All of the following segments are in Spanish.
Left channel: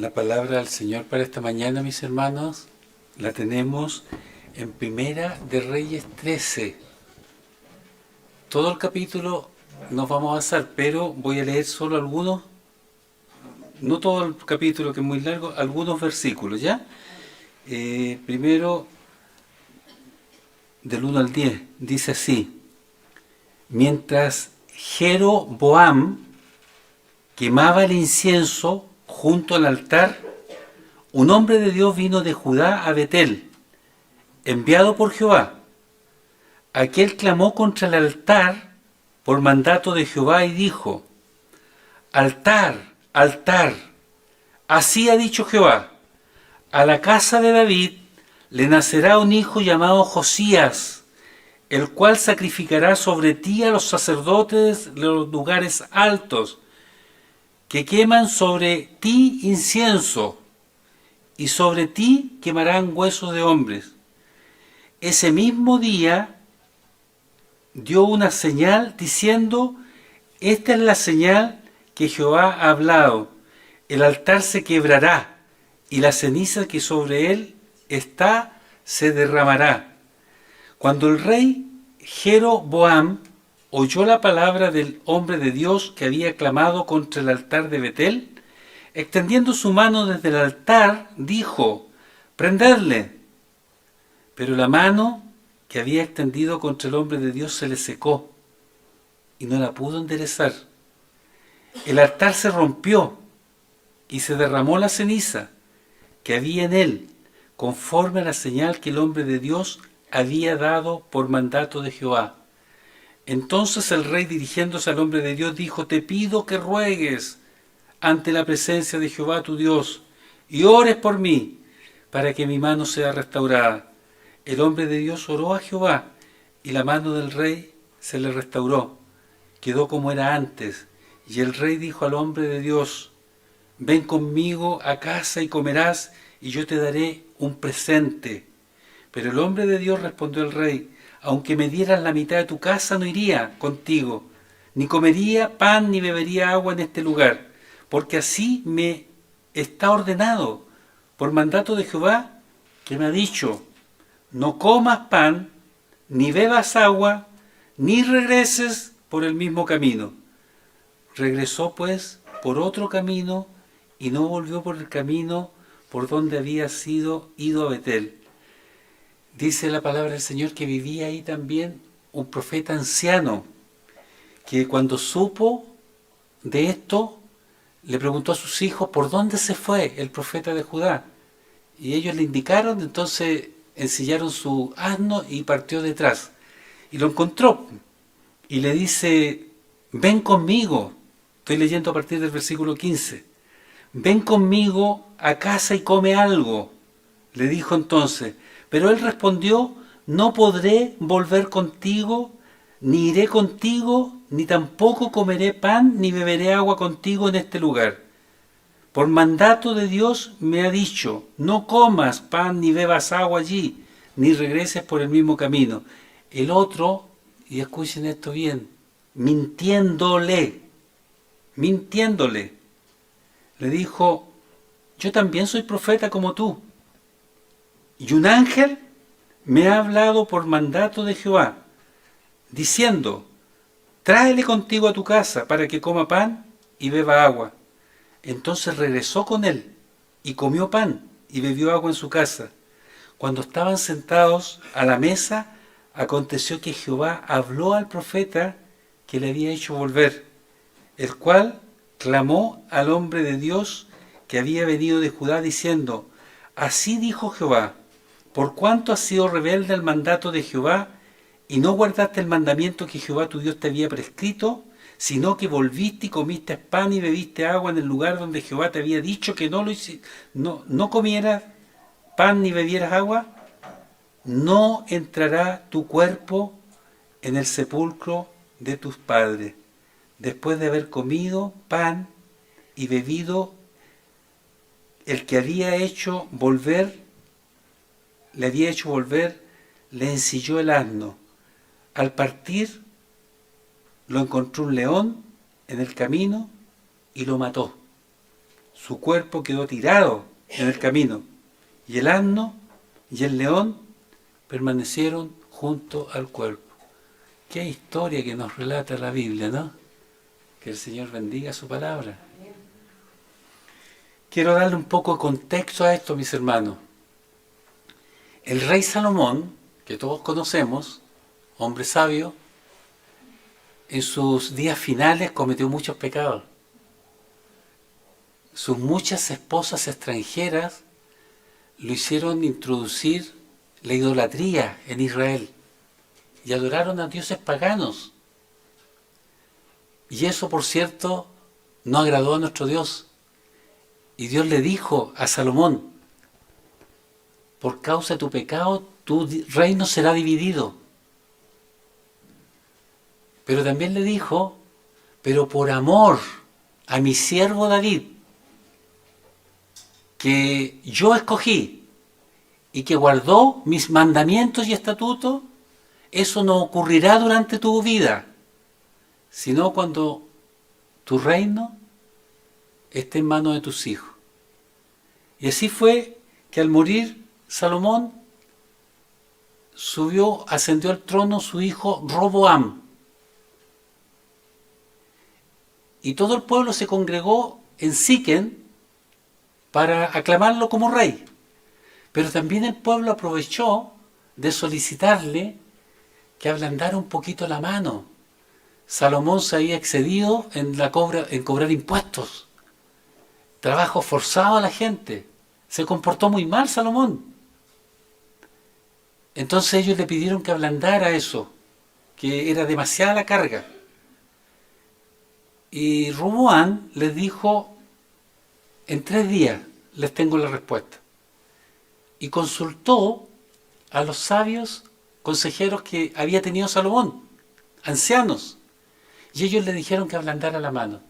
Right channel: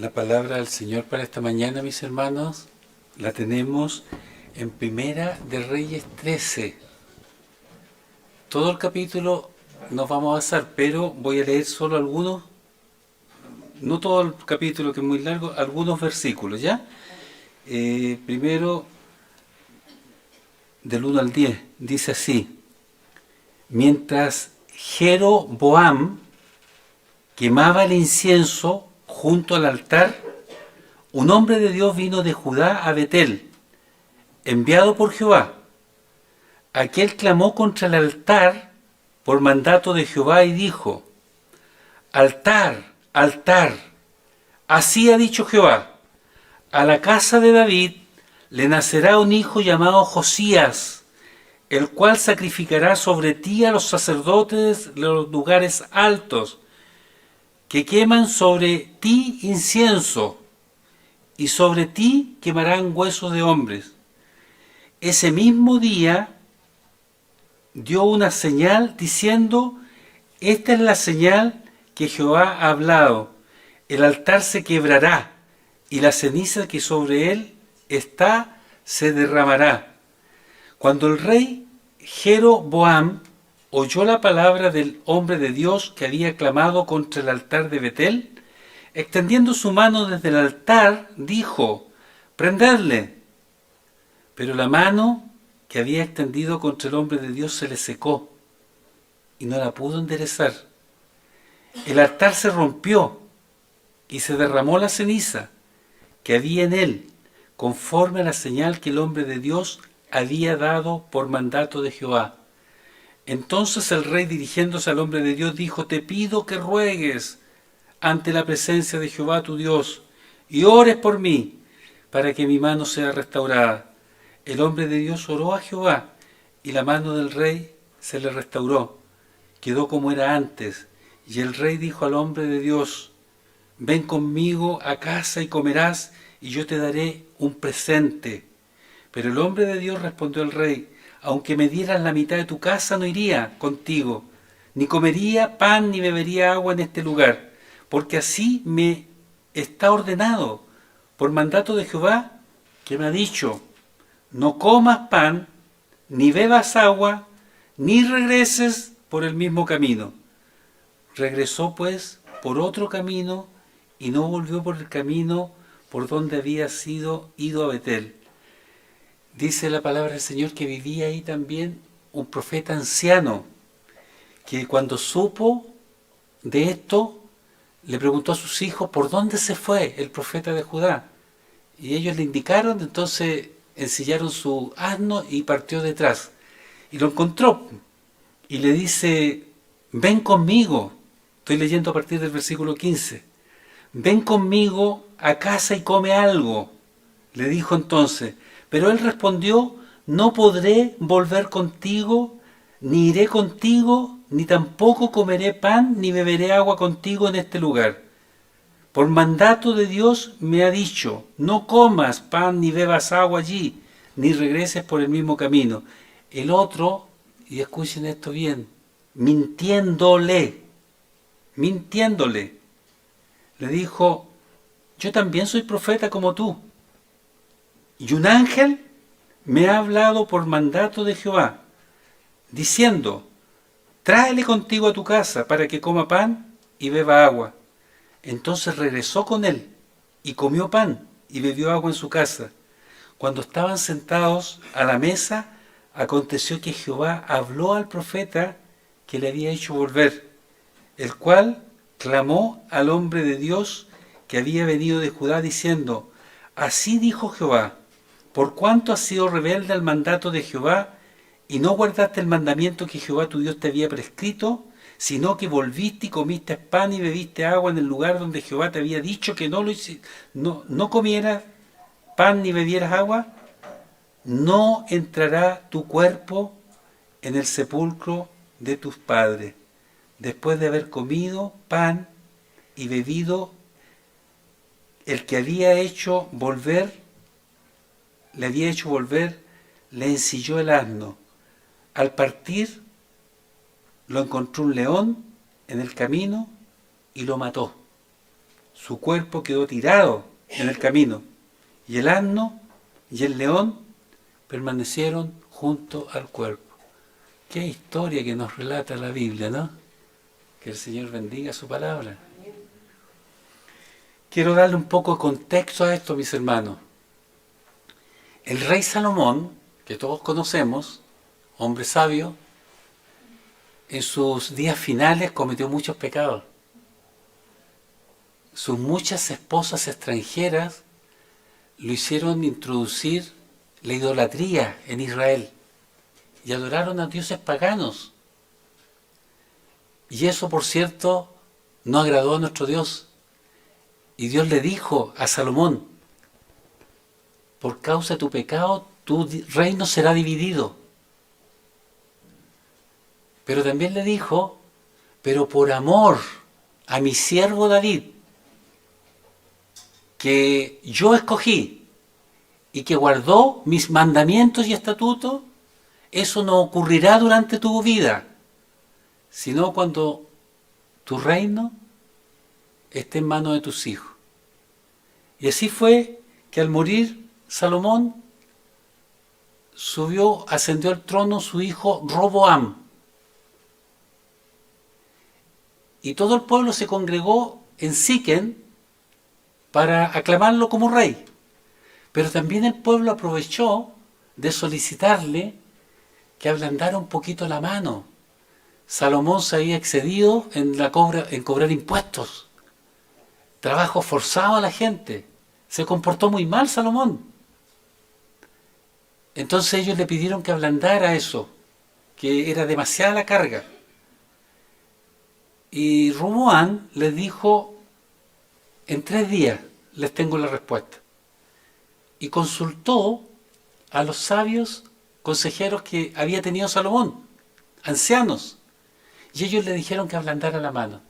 La palabra del Señor para esta mañana, mis hermanos, la tenemos en Primera de Reyes 13. Todo el capítulo nos vamos a basar, pero voy a leer solo algunos, no todo el capítulo que es muy largo, algunos versículos, ¿ya? Primero, del 1 al 10, dice así: mientras Jeroboam quemaba el incienso junto al altar, un hombre de Dios vino de Judá a Betel, enviado por Jehová. Aquel clamó contra el altar por mandato de Jehová y dijo: altar, altar, así ha dicho Jehová, a la casa de David le nacerá un hijo llamado Josías, el cual sacrificará sobre ti a los sacerdotes de los lugares altos, que queman sobre ti incienso, y sobre ti quemarán huesos de hombres. Ese mismo día dio una señal diciendo: esta es la señal que Jehová ha hablado, el altar se quebrará, y la ceniza que sobre él está se derramará. Cuando el rey Jeroboam oyó la palabra del hombre de Dios que había clamado contra el altar de Betel, extendiendo su mano desde el altar, dijo: prendedle. Pero la mano que había extendido contra el hombre de Dios se le secó y no la pudo enderezar. El altar se rompió y se derramó la ceniza que había en él, conforme a la señal que el hombre de Dios había dado por mandato de Jehová. Entonces el rey, dirigiéndose al hombre de Dios, dijo: te pido que ruegues ante la presencia de Jehová tu Dios y ores por mí para que mi mano sea restaurada. El hombre de Dios oró a Jehová y la mano del rey se le restauró, quedó como era antes. Y el rey dijo al hombre de Dios: ven conmigo a casa y comerás, y yo te daré un presente. Pero el hombre de Dios respondió al rey: aunque me dieras la mitad de tu casa, no iría contigo, ni comería pan ni bebería agua en este lugar, porque así me está ordenado por mandato de Jehová, que me ha dicho: no comas pan, ni bebas agua, ni regreses por el mismo camino. Regresó pues por otro camino y no volvió por el camino por donde había sido ido a Betel. Dice la palabra del Señor que vivía ahí también un profeta anciano, que cuando supo de esto, le preguntó a sus hijos por dónde se fue el profeta de Judá. Y ellos le indicaron, entonces ensillaron su asno y partió detrás. Y lo encontró y le dice: ven conmigo. Estoy leyendo a partir del versículo 15. Ven conmigo a casa y come algo, le dijo entonces. Pero él respondió: no podré volver contigo, ni iré contigo, ni tampoco comeré pan, ni beberé agua contigo en este lugar. Por mandato de Dios me ha dicho: no comas pan ni bebas agua allí, ni regreses por el mismo camino. El otro, y escuchen esto bien, mintiéndole, le dijo: yo también soy profeta como tú, y un ángel me ha hablado por mandato de Jehová, diciendo: tráele contigo a tu casa para que coma pan y beba agua. Entonces regresó con él y comió pan y bebió agua en su casa. Cuando estaban sentados a la mesa, aconteció que Jehová habló al profeta que le había hecho volver, el cual clamó al hombre de Dios que había venido de Judá, diciendo: así dijo Jehová, por cuanto has sido rebelde al mandato de Jehová y no guardaste el mandamiento que Jehová tu Dios te había prescrito, sino que volviste y comiste pan y bebiste agua en el lugar donde Jehová te había dicho que no comieras pan ni bebieras agua, no entrará tu cuerpo en el sepulcro de tus padres, después de haber comido pan y bebido. El que le había hecho volver, le ensilló el asno. Al partir, lo encontró un león en el camino y lo mató. su cuerpo quedó tirado en el camino, y el asno y el león permanecieron junto al cuerpo. Qué historia que nos relata la Biblia, ¿no? Que el Señor bendiga su palabra. Quiero darle un poco de contexto a esto, mis hermanos. El rey Salomón, que todos conocemos, hombre sabio, en sus días finales cometió muchos pecados. Sus muchas esposas extranjeras lo hicieron introducir la idolatría en Israel y adoraron a dioses paganos. Y eso, por cierto, no agradó a nuestro Dios. Y Dios le dijo a Salomón: por causa de tu pecado, tu reino será dividido. Pero también le dijo: pero por amor a mi siervo David, que yo escogí y que guardó mis mandamientos y estatutos, eso no ocurrirá durante tu vida, sino cuando tu reino esté en manos de tus hijos. Y así fue que al morir Salomón, ascendió al trono su hijo Roboam. Y todo el pueblo se congregó en Siquén para aclamarlo como rey. Pero también el pueblo aprovechó de solicitarle que ablandara un poquito la mano. Salomón se había excedido en cobrar impuestos, trabajo forzado a la gente. Se comportó muy mal Salomón. Entonces ellos le pidieron que ablandara eso, que era demasiada la carga. Y Roboam les dijo: en 3 días les tengo la respuesta. Y consultó a los sabios consejeros que había tenido Salomón, ancianos. Y ellos le dijeron que ablandara la mano,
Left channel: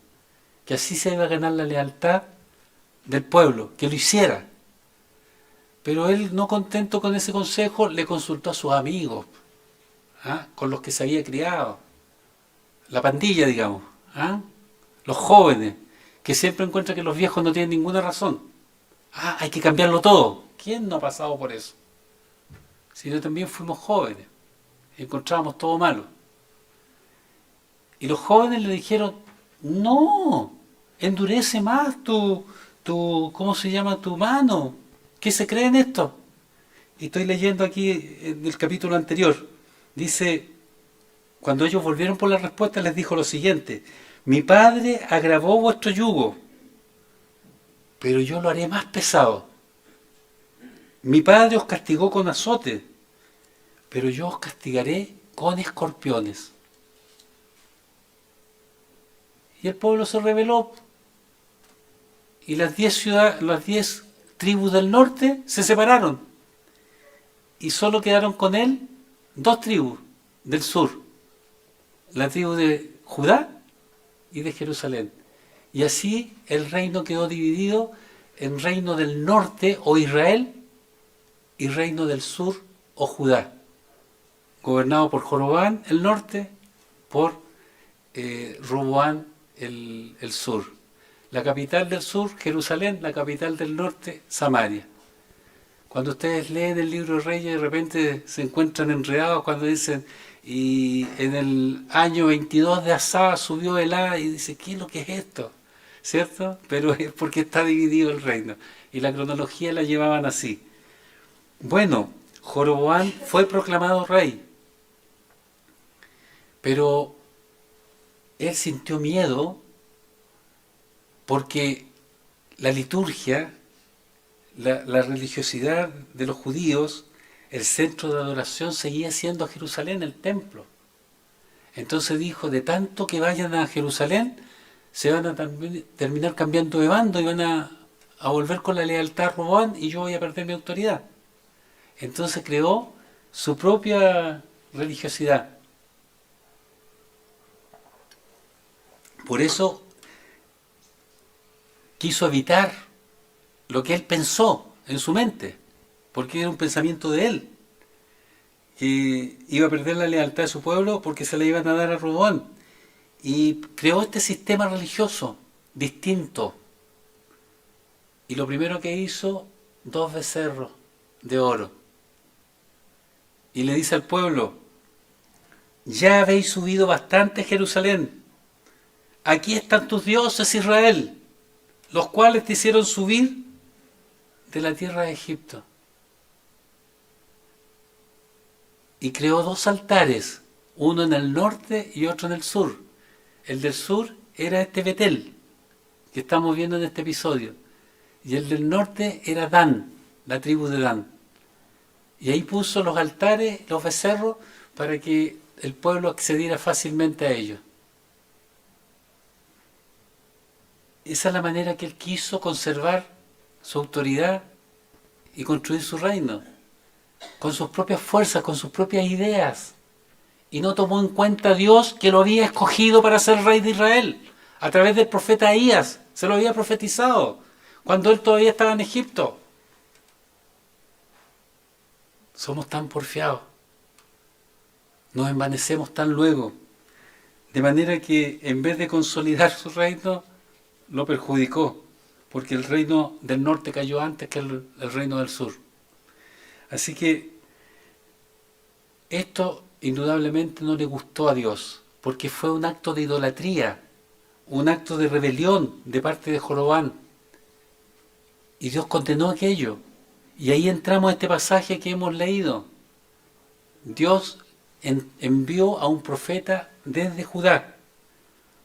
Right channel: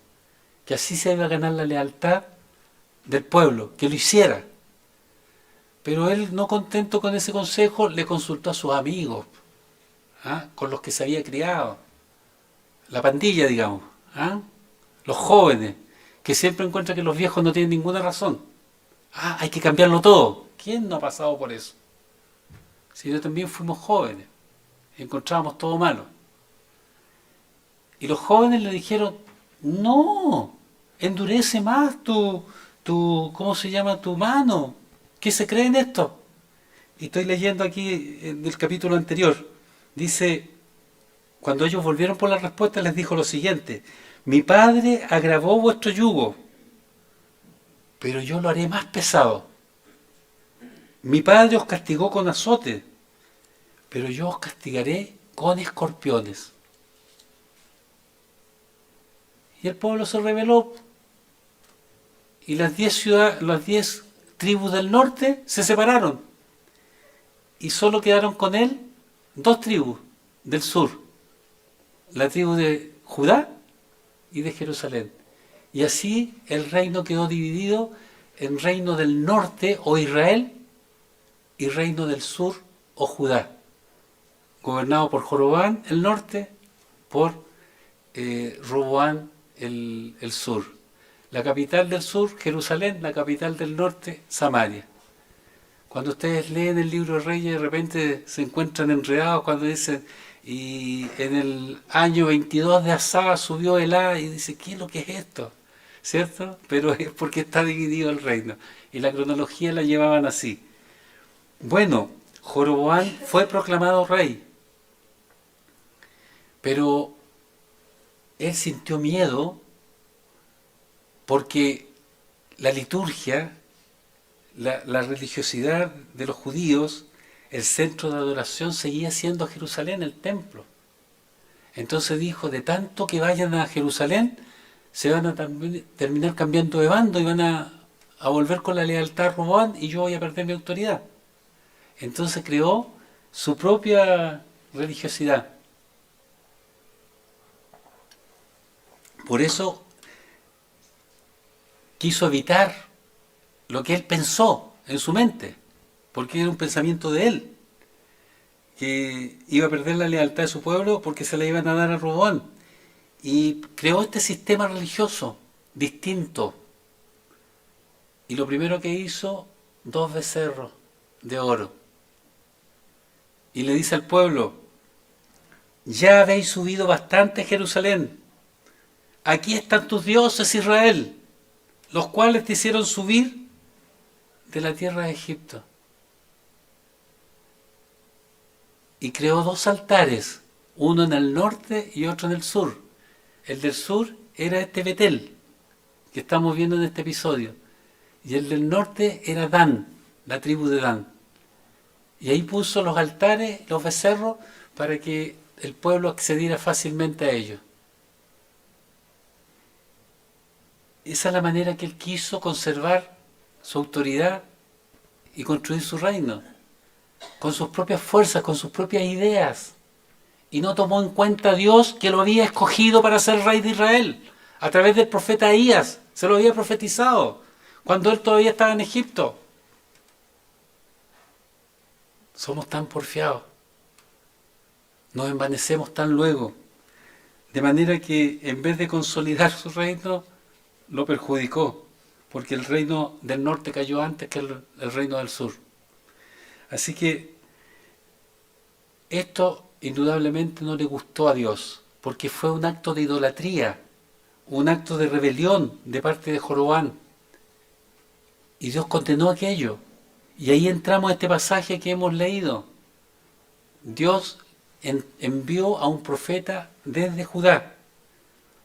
que así se iba a ganar la lealtad del pueblo, que lo hiciera. Pero él, no contento con ese consejo, le consultó a sus amigos, con los que se había criado, la pandilla, digamos, los jóvenes, que siempre encuentran que los viejos no tienen ninguna razón. Hay que cambiarlo todo. ¿Quién no ha pasado por eso? Si yo también fuimos jóvenes, encontrábamos todo malo. Y los jóvenes le dijeron: no, endurece más ¿cómo se llama? Tu mano. ¿Qué se cree en esto? Y estoy leyendo aquí en el capítulo anterior. Dice: cuando ellos volvieron por la respuesta, les dijo lo siguiente: mi padre agravó vuestro yugo, pero yo lo haré más pesado. Mi padre os castigó con azote, pero yo os castigaré con escorpiones. Y el pueblo se rebeló, y las 10 tribus del norte se separaron, y solo quedaron con él 2 tribus del sur, la tribu de Judá y de Jerusalén. Y así el reino quedó dividido en reino del norte, o Israel, y reino del sur, o Judá, gobernado por Joroboam el norte, por Roboam el sur. La capital del sur, Jerusalén; la capital del norte, Samaria. Cuando ustedes leen el libro de Reyes, de repente se encuentran enredados cuando dicen: y en el año 22 de Asa subió Elá, y dice: ¿qué es lo que es esto? ¿Cierto? Pero es porque está dividido el reino. Y la cronología la llevaban así. Bueno, Joroboam fue proclamado rey, pero él sintió miedo porque la liturgia, la religiosidad de los judíos, el centro de adoración seguía siendo Jerusalén, el templo. Entonces dijo: de tanto que vayan a Jerusalén, se van a terminar cambiando de bando y van a volver con la lealtad a Roboam, y yo voy a perder mi autoridad. Entonces creó su propia religiosidad. Por eso quiso evitar lo que él pensó en su mente, porque era un pensamiento de él, que iba a perder la lealtad de su pueblo porque se la iban a dar a Roboam. Y creó este sistema religioso distinto, Y lo primero que hizo, 2 becerros de oro. Y le dice al pueblo, ya habéis subido bastante a Jerusalén. Aquí están tus dioses, Israel, los cuales te hicieron subir de la tierra de Egipto. Y creó 2 altares, uno en el norte y otro en el sur. El del sur era este Betel, que estamos viendo en este episodio. Y el del norte era Dan, la tribu de Dan. Y ahí puso los altares, los becerros, para que el pueblo accediera fácilmente a ellos. Esa es la manera que él quiso conservar su autoridad y construir su reino, con sus propias fuerzas, con sus propias ideas. Y no tomó en cuenta a Dios, que lo había escogido para ser rey de Israel. A través del profeta Ahías, se lo había profetizado, cuando él todavía estaba en Egipto. Somos tan porfiados, nos envanecemos tan luego, de manera que en vez de consolidar su reino, lo perjudicó, porque el reino del norte cayó antes que el reino del sur. Así que esto indudablemente no le gustó a Dios, porque fue un acto de idolatría, un acto de rebelión de parte de Joroboam. Y Dios condenó aquello. Y ahí entramos a este pasaje que hemos leído. Dios envió a un profeta desde Judá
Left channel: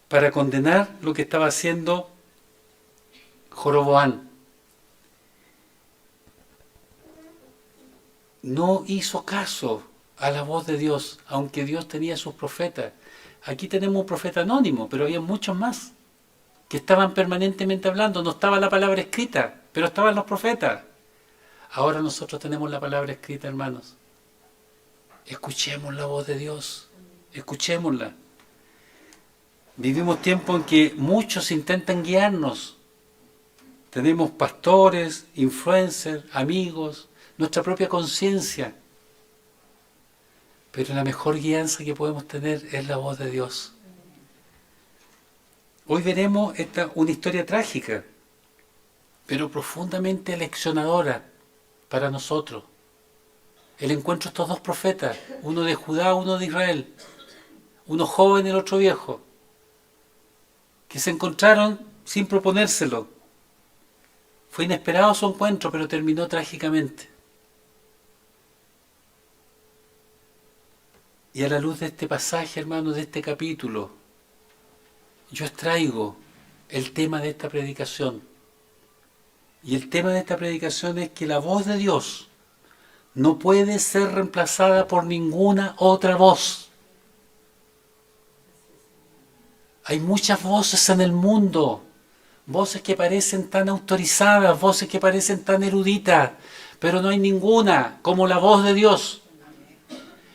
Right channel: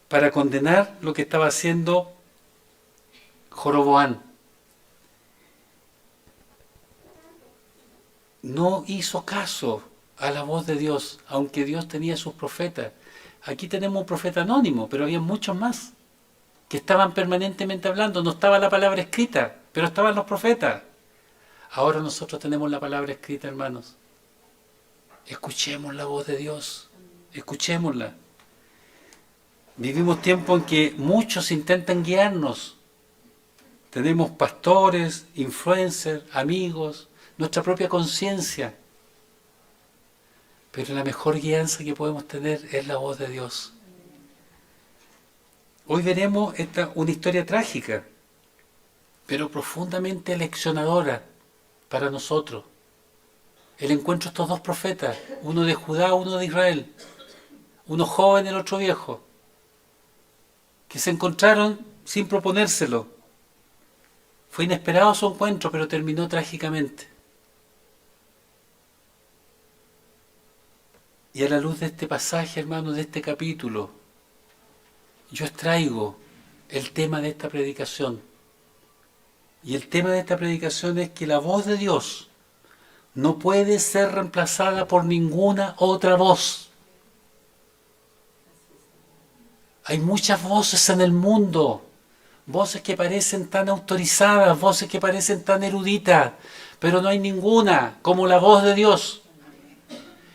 para condenar lo que estaba haciendo Joroboam. No hizo caso a la voz de Dios, aunque Dios tenía sus profetas. Aquí tenemos un profeta anónimo, pero había muchos más que estaban permanentemente hablando. No estaba la palabra escrita, pero estaban los profetas. Ahora nosotros tenemos la palabra escrita, hermanos. Escuchemos la voz de Dios, escuchémosla. Vivimos tiempos en que muchos intentan guiarnos. Tenemos pastores, influencers, amigos, nuestra propia conciencia. Pero la mejor guianza que podemos tener es la voz de Dios. Hoy veremos una historia trágica, pero profundamente leccionadora para nosotros. El encuentro de estos 2 profetas, uno de Judá, uno de Israel, uno joven, el otro viejo, que se encontraron sin proponérselo. Fue inesperado su encuentro, pero terminó trágicamente. Y a la luz de este pasaje, hermanos, de este capítulo, yo extraigo el tema de esta predicación. Y el tema de esta predicación es que la voz de Dios no puede ser reemplazada por ninguna otra voz. Hay muchas voces en el mundo, voces que parecen tan autorizadas, voces que parecen tan eruditas, pero no hay ninguna como la voz de Dios.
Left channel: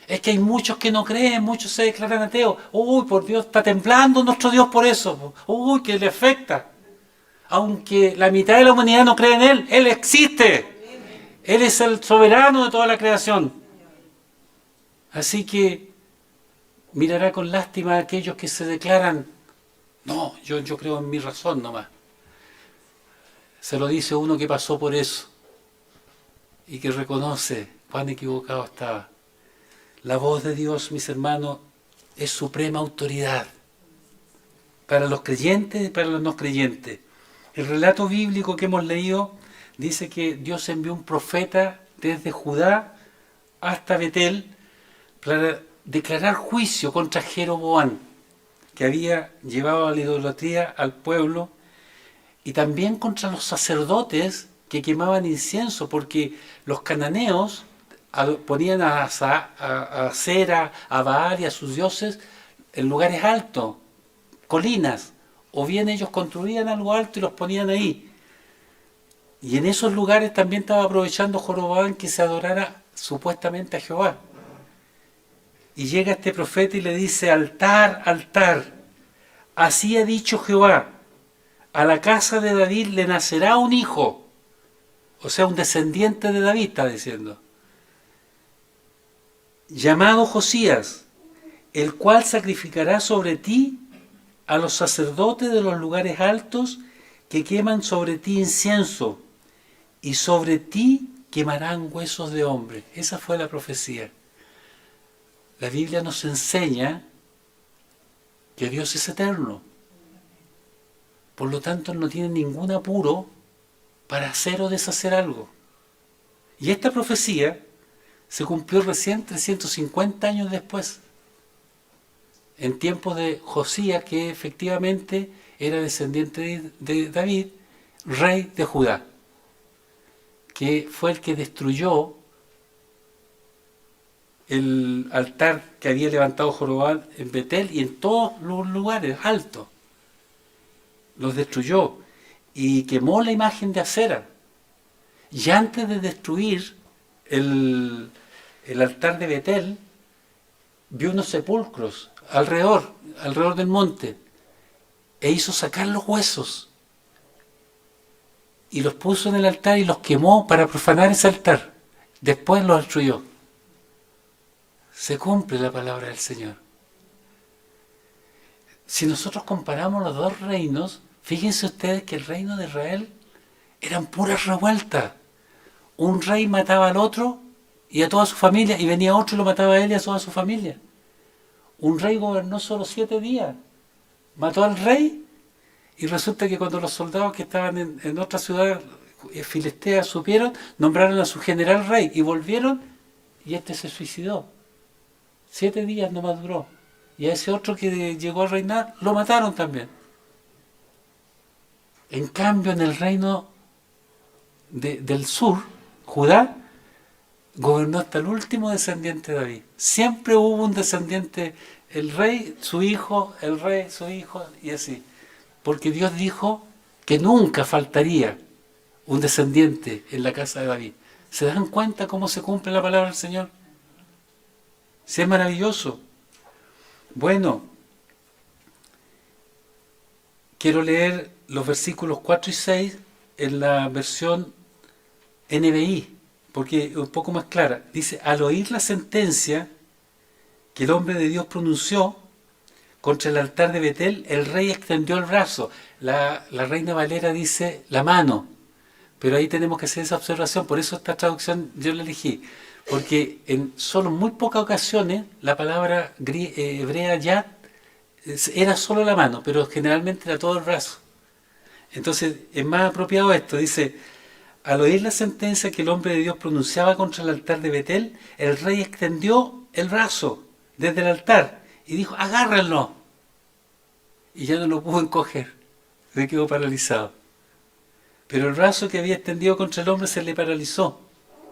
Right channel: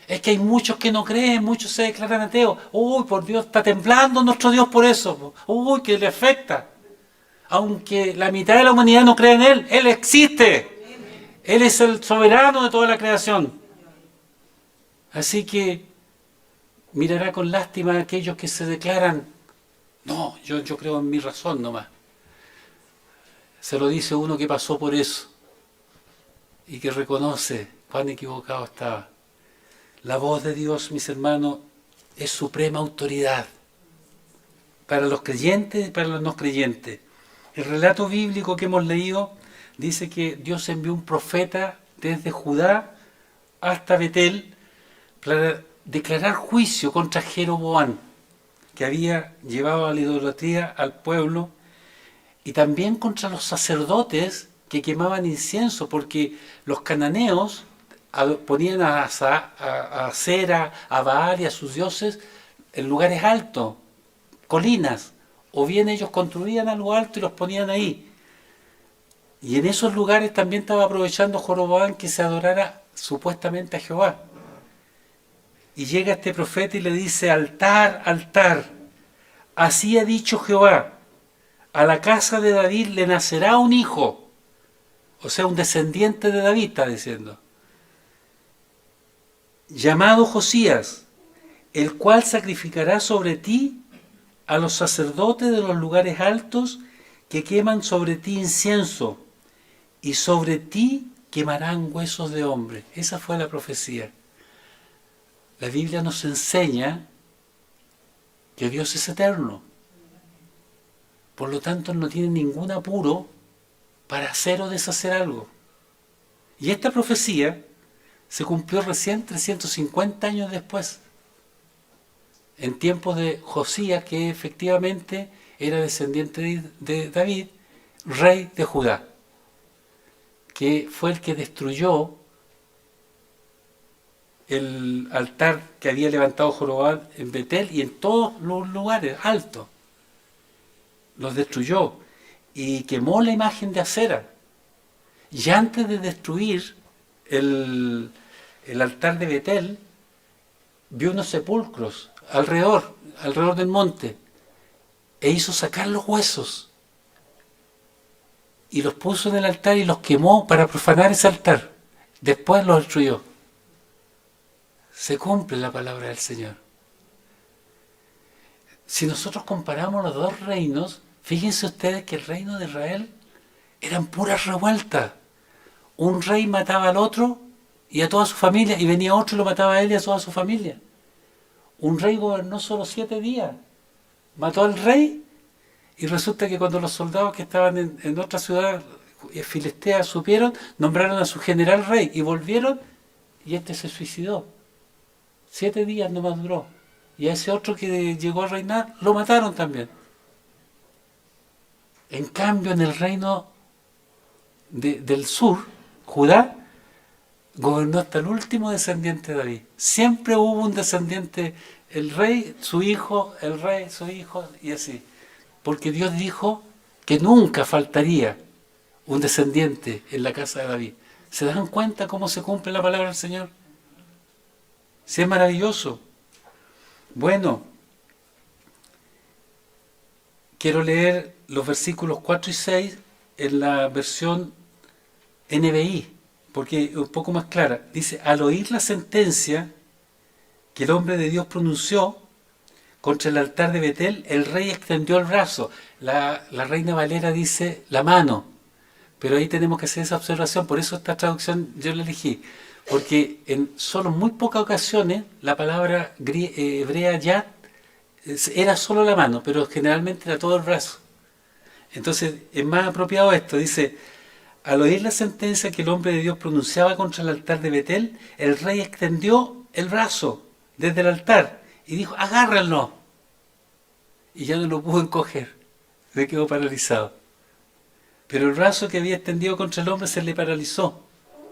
Es que hay muchos que no creen, muchos se declaran ateos. Uy, por Dios, está temblando nuestro Dios por eso. Uy, que le afecta. Aunque la mitad de la humanidad no cree en Él existe. Él es el soberano de toda la creación. Así que mirará con lástima a aquellos que se declaran, no, yo creo en mi razón nomás. Se lo dice uno que pasó por eso y que reconoce cuán equivocado estaba. La voz de Dios, mis hermanos, es suprema autoridad para los creyentes y para los no creyentes. El relato bíblico que hemos leído dice que Dios envió un profeta desde Judá hasta Betel para declarar juicio contra Jeroboam, que había llevado a la idolatría al pueblo, y también contra los sacerdotes que quemaban incienso, porque los cananeos ponían a Acera, a Baal y a sus dioses en lugares altos, colinas, o bien ellos construían algo alto y los ponían ahí. Y en esos lugares también estaba aprovechando Joroboam que se adorara supuestamente a Jehová. Y llega este profeta y le dice, altar, altar, así ha dicho Jehová, a la casa de David le nacerá un hijo, o sea, un descendiente de David, está diciendo, llamado Josías, el cual sacrificará sobre ti a los sacerdotes de los lugares altos que queman sobre ti incienso, y sobre ti quemarán huesos de hombre. Esa fue la profecía. La Biblia nos enseña que Dios es eterno. Por lo tanto, no tiene ningún apuro para hacer o deshacer algo. Y esta profecía se cumplió recién 350 años después, en tiempos de Josías, que efectivamente era descendiente de David, rey de Judá, que fue el que destruyó el altar que había levantado Jeroboam en Betel y en todos los lugares altos. Los destruyó y quemó la imagen de Acera. Y antes de destruir el altar de Betel, vio unos sepulcros alrededor del monte, e hizo sacar los huesos y los puso en el altar y los quemó para profanar ese altar. Después los destruyó. Se cumple la palabra del Señor. Si nosotros comparamos los dos reinos, fíjense ustedes que el reino de Israel eran puras revueltas. Un rey mataba al otro y a toda su familia, y venía otro y lo mataba a él y a toda su familia. Un rey gobernó solo 7 días. Mató al rey, y resulta que cuando los soldados que estaban en otra ciudad filistea supieron, nombraron a su general rey, y volvieron, y este se suicidó. 7 días nomás duró. Y a ese otro que llegó a reinar, lo mataron también. En cambio, en el reino del sur, Judá, gobernó hasta el último descendiente de David. Siempre hubo un descendiente, el rey, su hijo, el rey, su hijo, y así. Porque Dios dijo que nunca faltaría un descendiente en la casa de David. ¿Se dan cuenta cómo se cumple la palabra del Señor? Sí, es maravilloso. Bueno, quiero leer los versículos 4 y 6 en la versión NBI, porque es un poco más clara. Dice: al oír la sentencia que el hombre de Dios pronunció contra el altar de Betel, el rey extendió el brazo. La Reina Valera dice la mano, pero ahí tenemos que hacer esa observación. Por eso esta traducción yo la elegí, porque en solo muy pocas ocasiones la palabra hebrea yad era solo la mano, pero generalmente era todo el brazo. Entonces es más apropiado esto. Dice: al oír la sentencia que el hombre de Dios pronunciaba contra el altar de Betel, el rey extendió el brazo desde el altar y dijo: agárrenlo. Y ya no lo pudo encoger, se quedó paralizado. Pero el brazo que había extendido contra el hombre se le paralizó,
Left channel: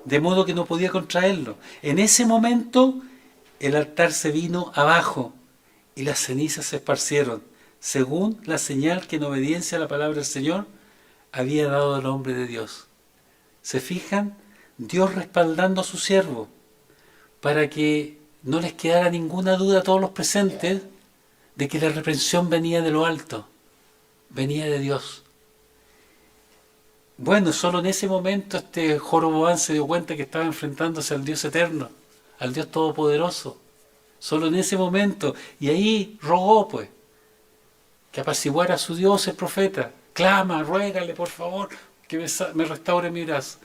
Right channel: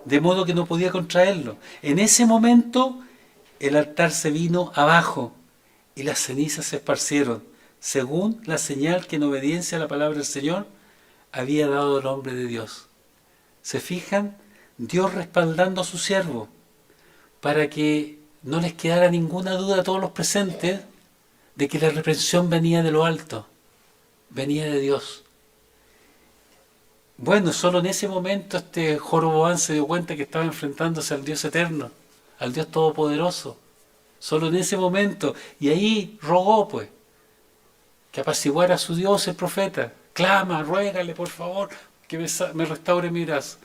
de modo que no podía contraerlo. En ese momento el altar se vino abajo y las cenizas se esparcieron, según la señal que en obediencia a la palabra del Señor había dado el hombre de Dios. ¿Se fijan? Dios respaldando a su siervo para que no les quedara ninguna duda a todos los presentes de que la reprensión venía de lo alto, venía de Dios. Bueno, solo en ese momento Jeroboam se dio cuenta que estaba enfrentándose al Dios eterno, al Dios todopoderoso. Solo en ese momento. Y ahí rogó, pues, que apaciguara a su Dios el profeta. Clama, ruégale, por favor, que me restaure mi brazo.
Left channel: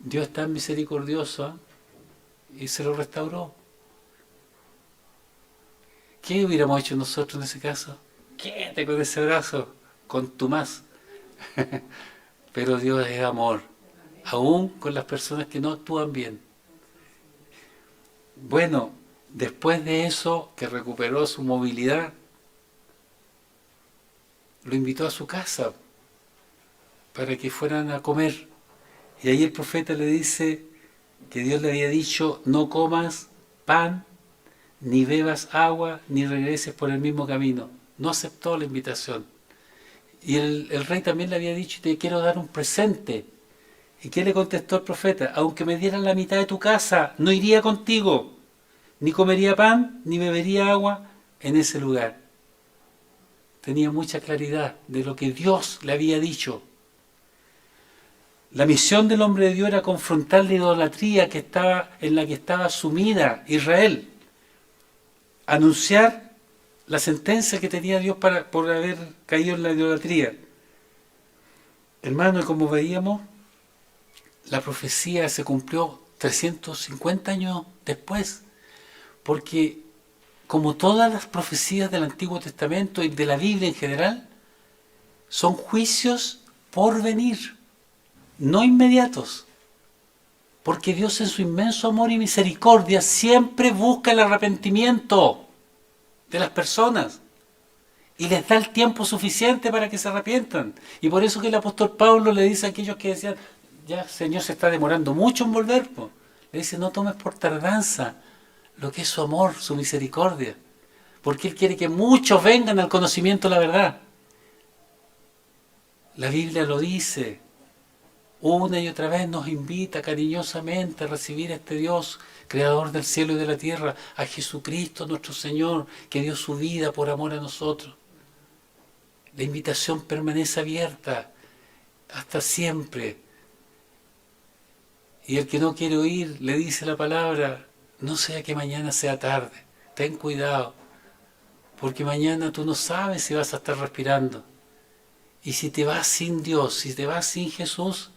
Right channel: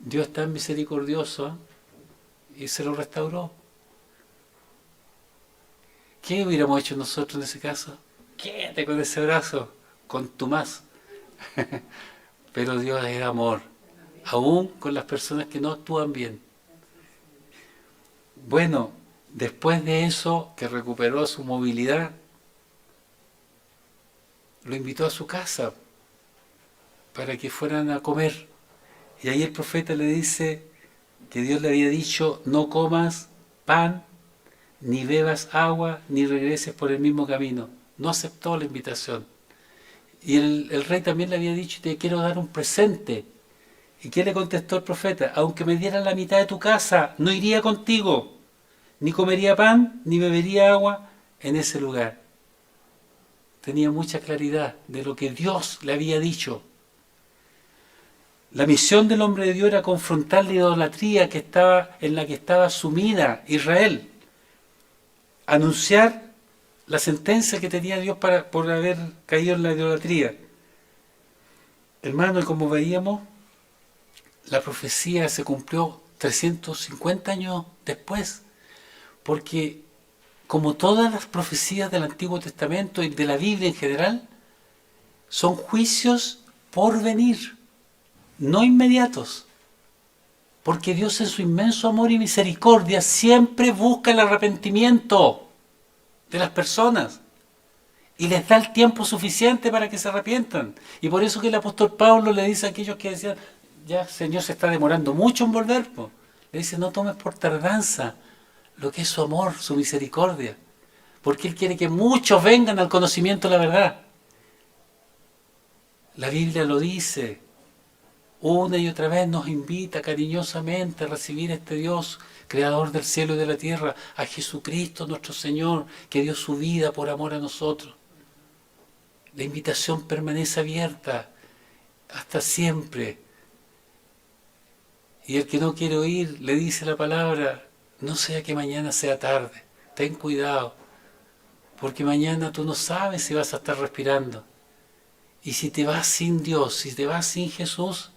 Dios es tan misericordioso, ¿eh? Y se lo restauró. ¿Qué hubiéramos hecho nosotros en ese caso? Quédate con ese brazo, contumaz. Pero Dios es amor, aún con las personas que no actúan bien. Bueno, después de eso, que recuperó su movilidad, lo invitó a su casa para que fueran a comer. Y ahí el profeta le dice que Dios le había dicho: no comas pan, ni bebas agua, ni regreses por el mismo camino. No aceptó la invitación. Y el rey también le había dicho: te quiero dar un presente. ¿Y qué le contestó el profeta? Aunque me dieran la mitad de tu casa, no iría contigo, ni comería pan, ni bebería agua en ese lugar. Tenía mucha claridad de lo que Dios le había dicho. La misión del hombre de Dios era confrontar la idolatría en la que estaba sumida Israel, anunciar la sentencia que tenía Dios por haber caído en la idolatría. Hermano, y como veíamos, la profecía se cumplió 350 años después, porque como todas las profecías del Antiguo Testamento y de la Biblia en general, son juicios por venir, no inmediatos. Porque Dios en su inmenso amor y misericordia siempre busca el arrepentimiento de las personas y les da el tiempo suficiente para que se arrepientan. Y por eso que el apóstol Pablo le dice a aquellos que decían, ya Señor se está demorando mucho en volver, pues. Le dice, no tomes por tardanza lo que es su amor, su misericordia, porque Él quiere que muchos vengan al conocimiento de la verdad. La Biblia lo dice, una y otra vez nos invita cariñosamente a recibir a este Dios, creador del cielo y de la tierra, a Jesucristo nuestro Señor, que dio su vida por amor a nosotros. La invitación permanece abierta hasta siempre. Y el que no quiere oír, le dice la palabra, no sea que mañana sea tarde, ten cuidado, porque mañana tú no sabes si vas a estar respirando. Y si te vas sin Dios, si te vas sin Jesús,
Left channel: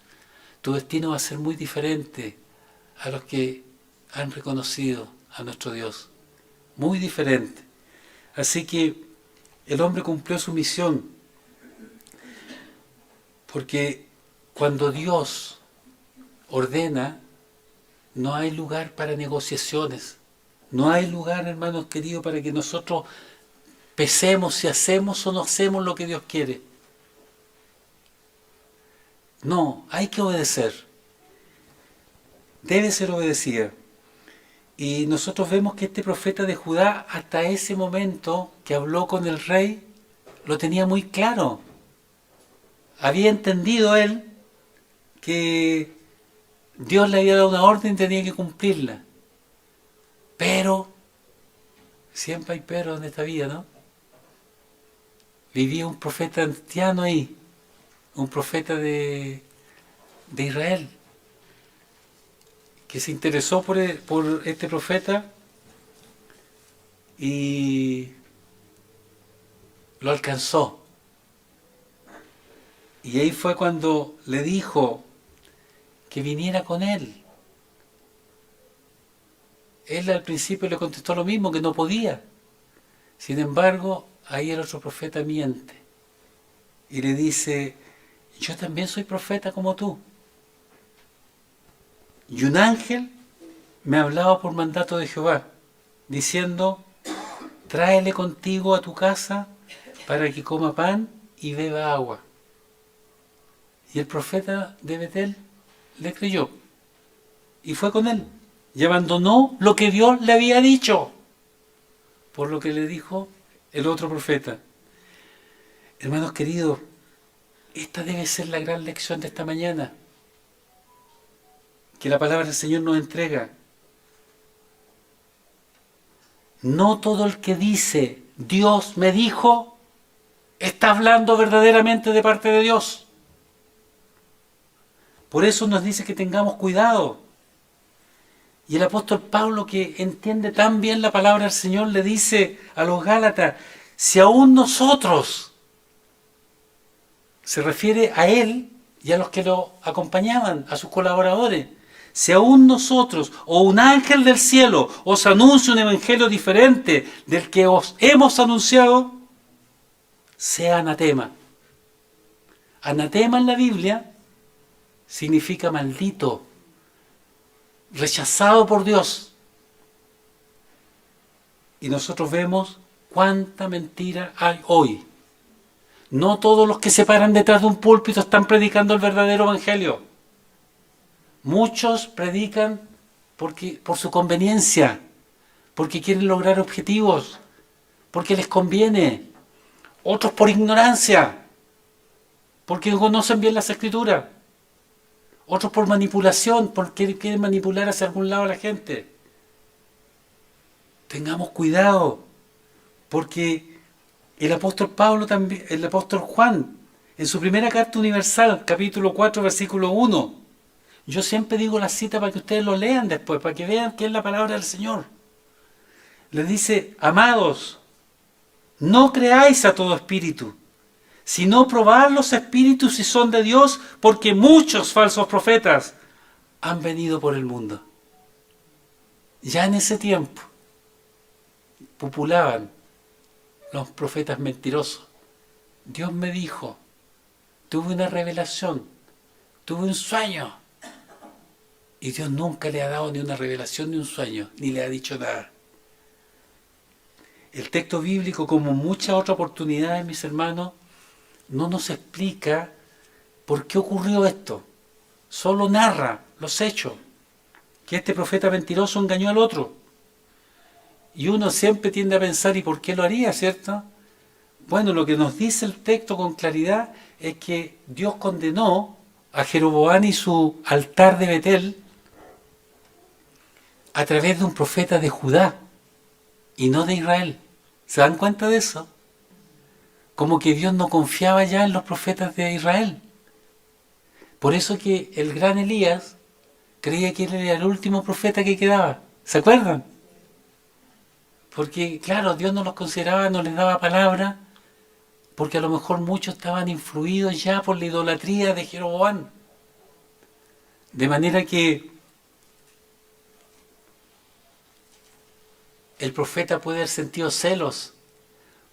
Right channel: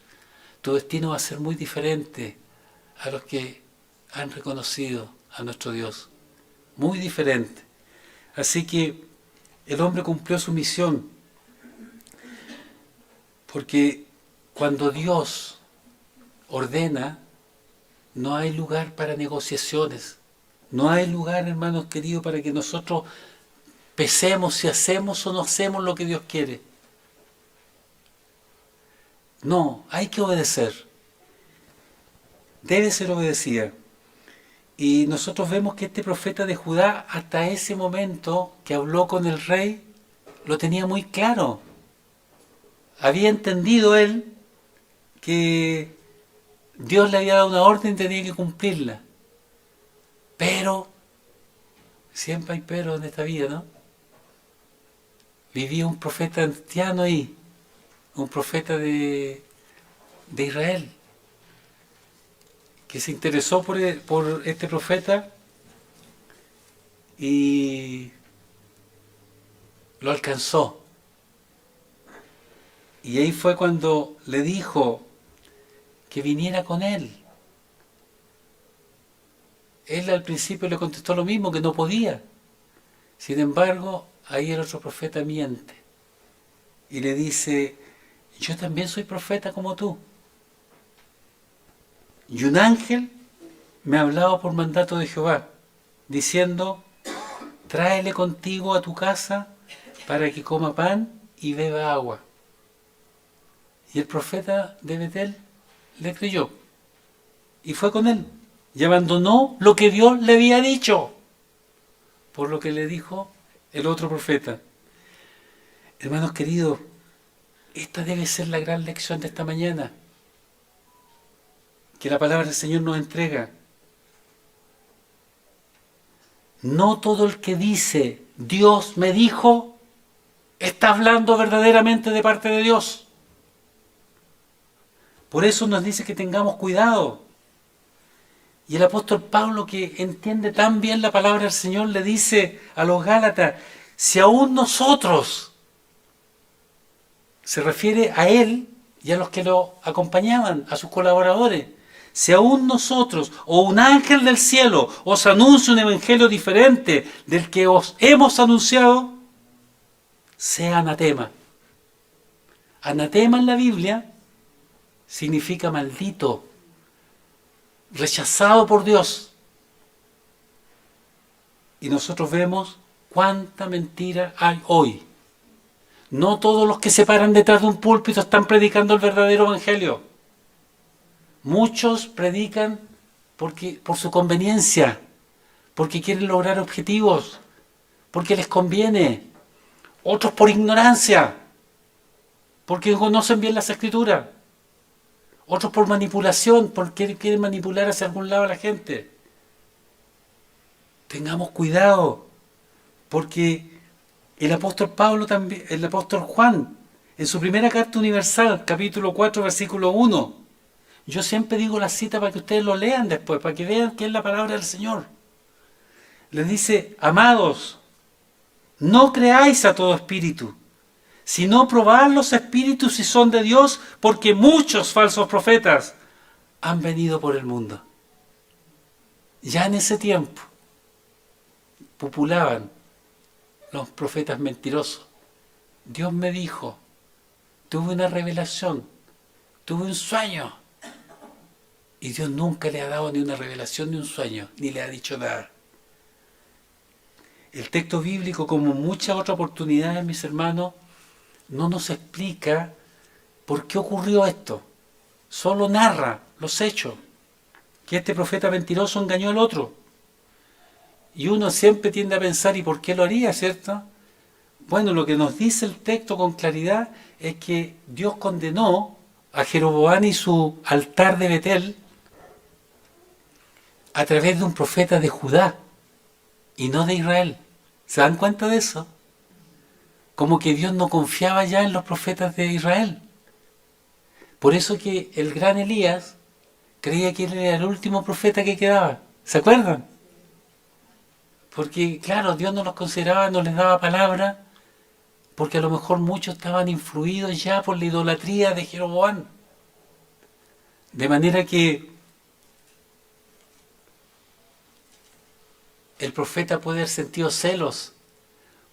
tu destino va a ser muy diferente a los que han reconocido a nuestro Dios. Muy diferente. Así que el hombre cumplió su misión, porque cuando Dios ordena, no hay lugar para negociaciones. No hay lugar, hermanos queridos, para que nosotros pesemos si hacemos o no hacemos lo que Dios quiere. No, hay que obedecer. Debe ser obedecida. Y nosotros vemos que este profeta de Judá, hasta ese momento que habló con el rey, lo tenía muy claro. Había entendido él que Dios le había dado una orden y tenía que cumplirla. Pero, siempre hay pero en esta vida, ¿no? Vivía un profeta anciano ahí, un profeta de Israel, que se interesó por este profeta y lo alcanzó. Y ahí fue cuando le dijo que viniera con él. Él al principio le contestó lo mismo, que no podía. Sin embargo, ahí el otro profeta miente y le dice, yo también soy profeta como tú. Y un ángel me hablaba por mandato de Jehová, diciendo, tráele contigo a tu casa para que coma pan y beba agua. Y el profeta de Betel le creyó y fue con él y abandonó lo que Dios le había dicho, por lo que le dijo el otro profeta. Hermanos queridos, esta debe ser la gran lección de esta mañana, que la palabra del Señor nos entrega. No todo el que dice, Dios me dijo, está hablando verdaderamente de parte de Dios. Por eso nos dice que tengamos cuidado. Y el apóstol Pablo, que entiende tan bien la palabra del Señor, le dice a los Gálatas, si aún nosotros, se refiere a él y a los que lo acompañaban, a sus colaboradores, si aún nosotros o un ángel del cielo os anuncia un evangelio diferente del que os hemos anunciado, sea anatema. Anatema en la Biblia significa maldito, rechazado por Dios. Y nosotros vemos cuánta mentira hay hoy. No todos los que se paran detrás de un púlpito están predicando el verdadero evangelio. Muchos predican por su conveniencia, porque quieren lograr objetivos, porque les conviene. Otros por ignorancia, porque no conocen bien las Escrituras. Otros por manipulación, porque quieren manipular hacia algún lado a la gente. Tengamos cuidado, porque el apóstol Pablo también, el apóstol Juan, en su primera carta universal, capítulo 4, versículo 1, yo siempre digo la cita para que ustedes lo lean después, para que vean que es la palabra del Señor. Les dice, amados, no creáis a todo espíritu, sino probad los espíritus si son de Dios, porque muchos falsos profetas han venido por el mundo. Ya en ese tiempo populaban los profetas mentirosos. Dios me dijo, tuve una revelación, tuve un sueño. Y Dios nunca le ha dado ni una revelación ni un sueño, ni le ha dicho nada. El texto bíblico, como muchas otras oportunidades, mis hermanos, no nos explica por qué ocurrió esto. Solo narra los hechos, que este profeta mentiroso engañó al otro. Y uno siempre tiende a pensar, ¿y por qué lo haría, cierto? Bueno, lo que nos dice el texto con claridad es que Dios condenó a Jeroboam y su altar de Betel a través de un profeta de Judá y no de Israel. ¿Se dan cuenta de eso? Como que Dios no confiaba ya en los profetas de Israel. Por eso que el gran Elías creía que él era el último profeta que quedaba. ¿Se acuerdan? Porque, claro, Dios no los consideraba, no les daba palabra, porque a lo mejor muchos estaban influidos ya por la idolatría de Jeroboam. De manera que el profeta puede haber sentido celos,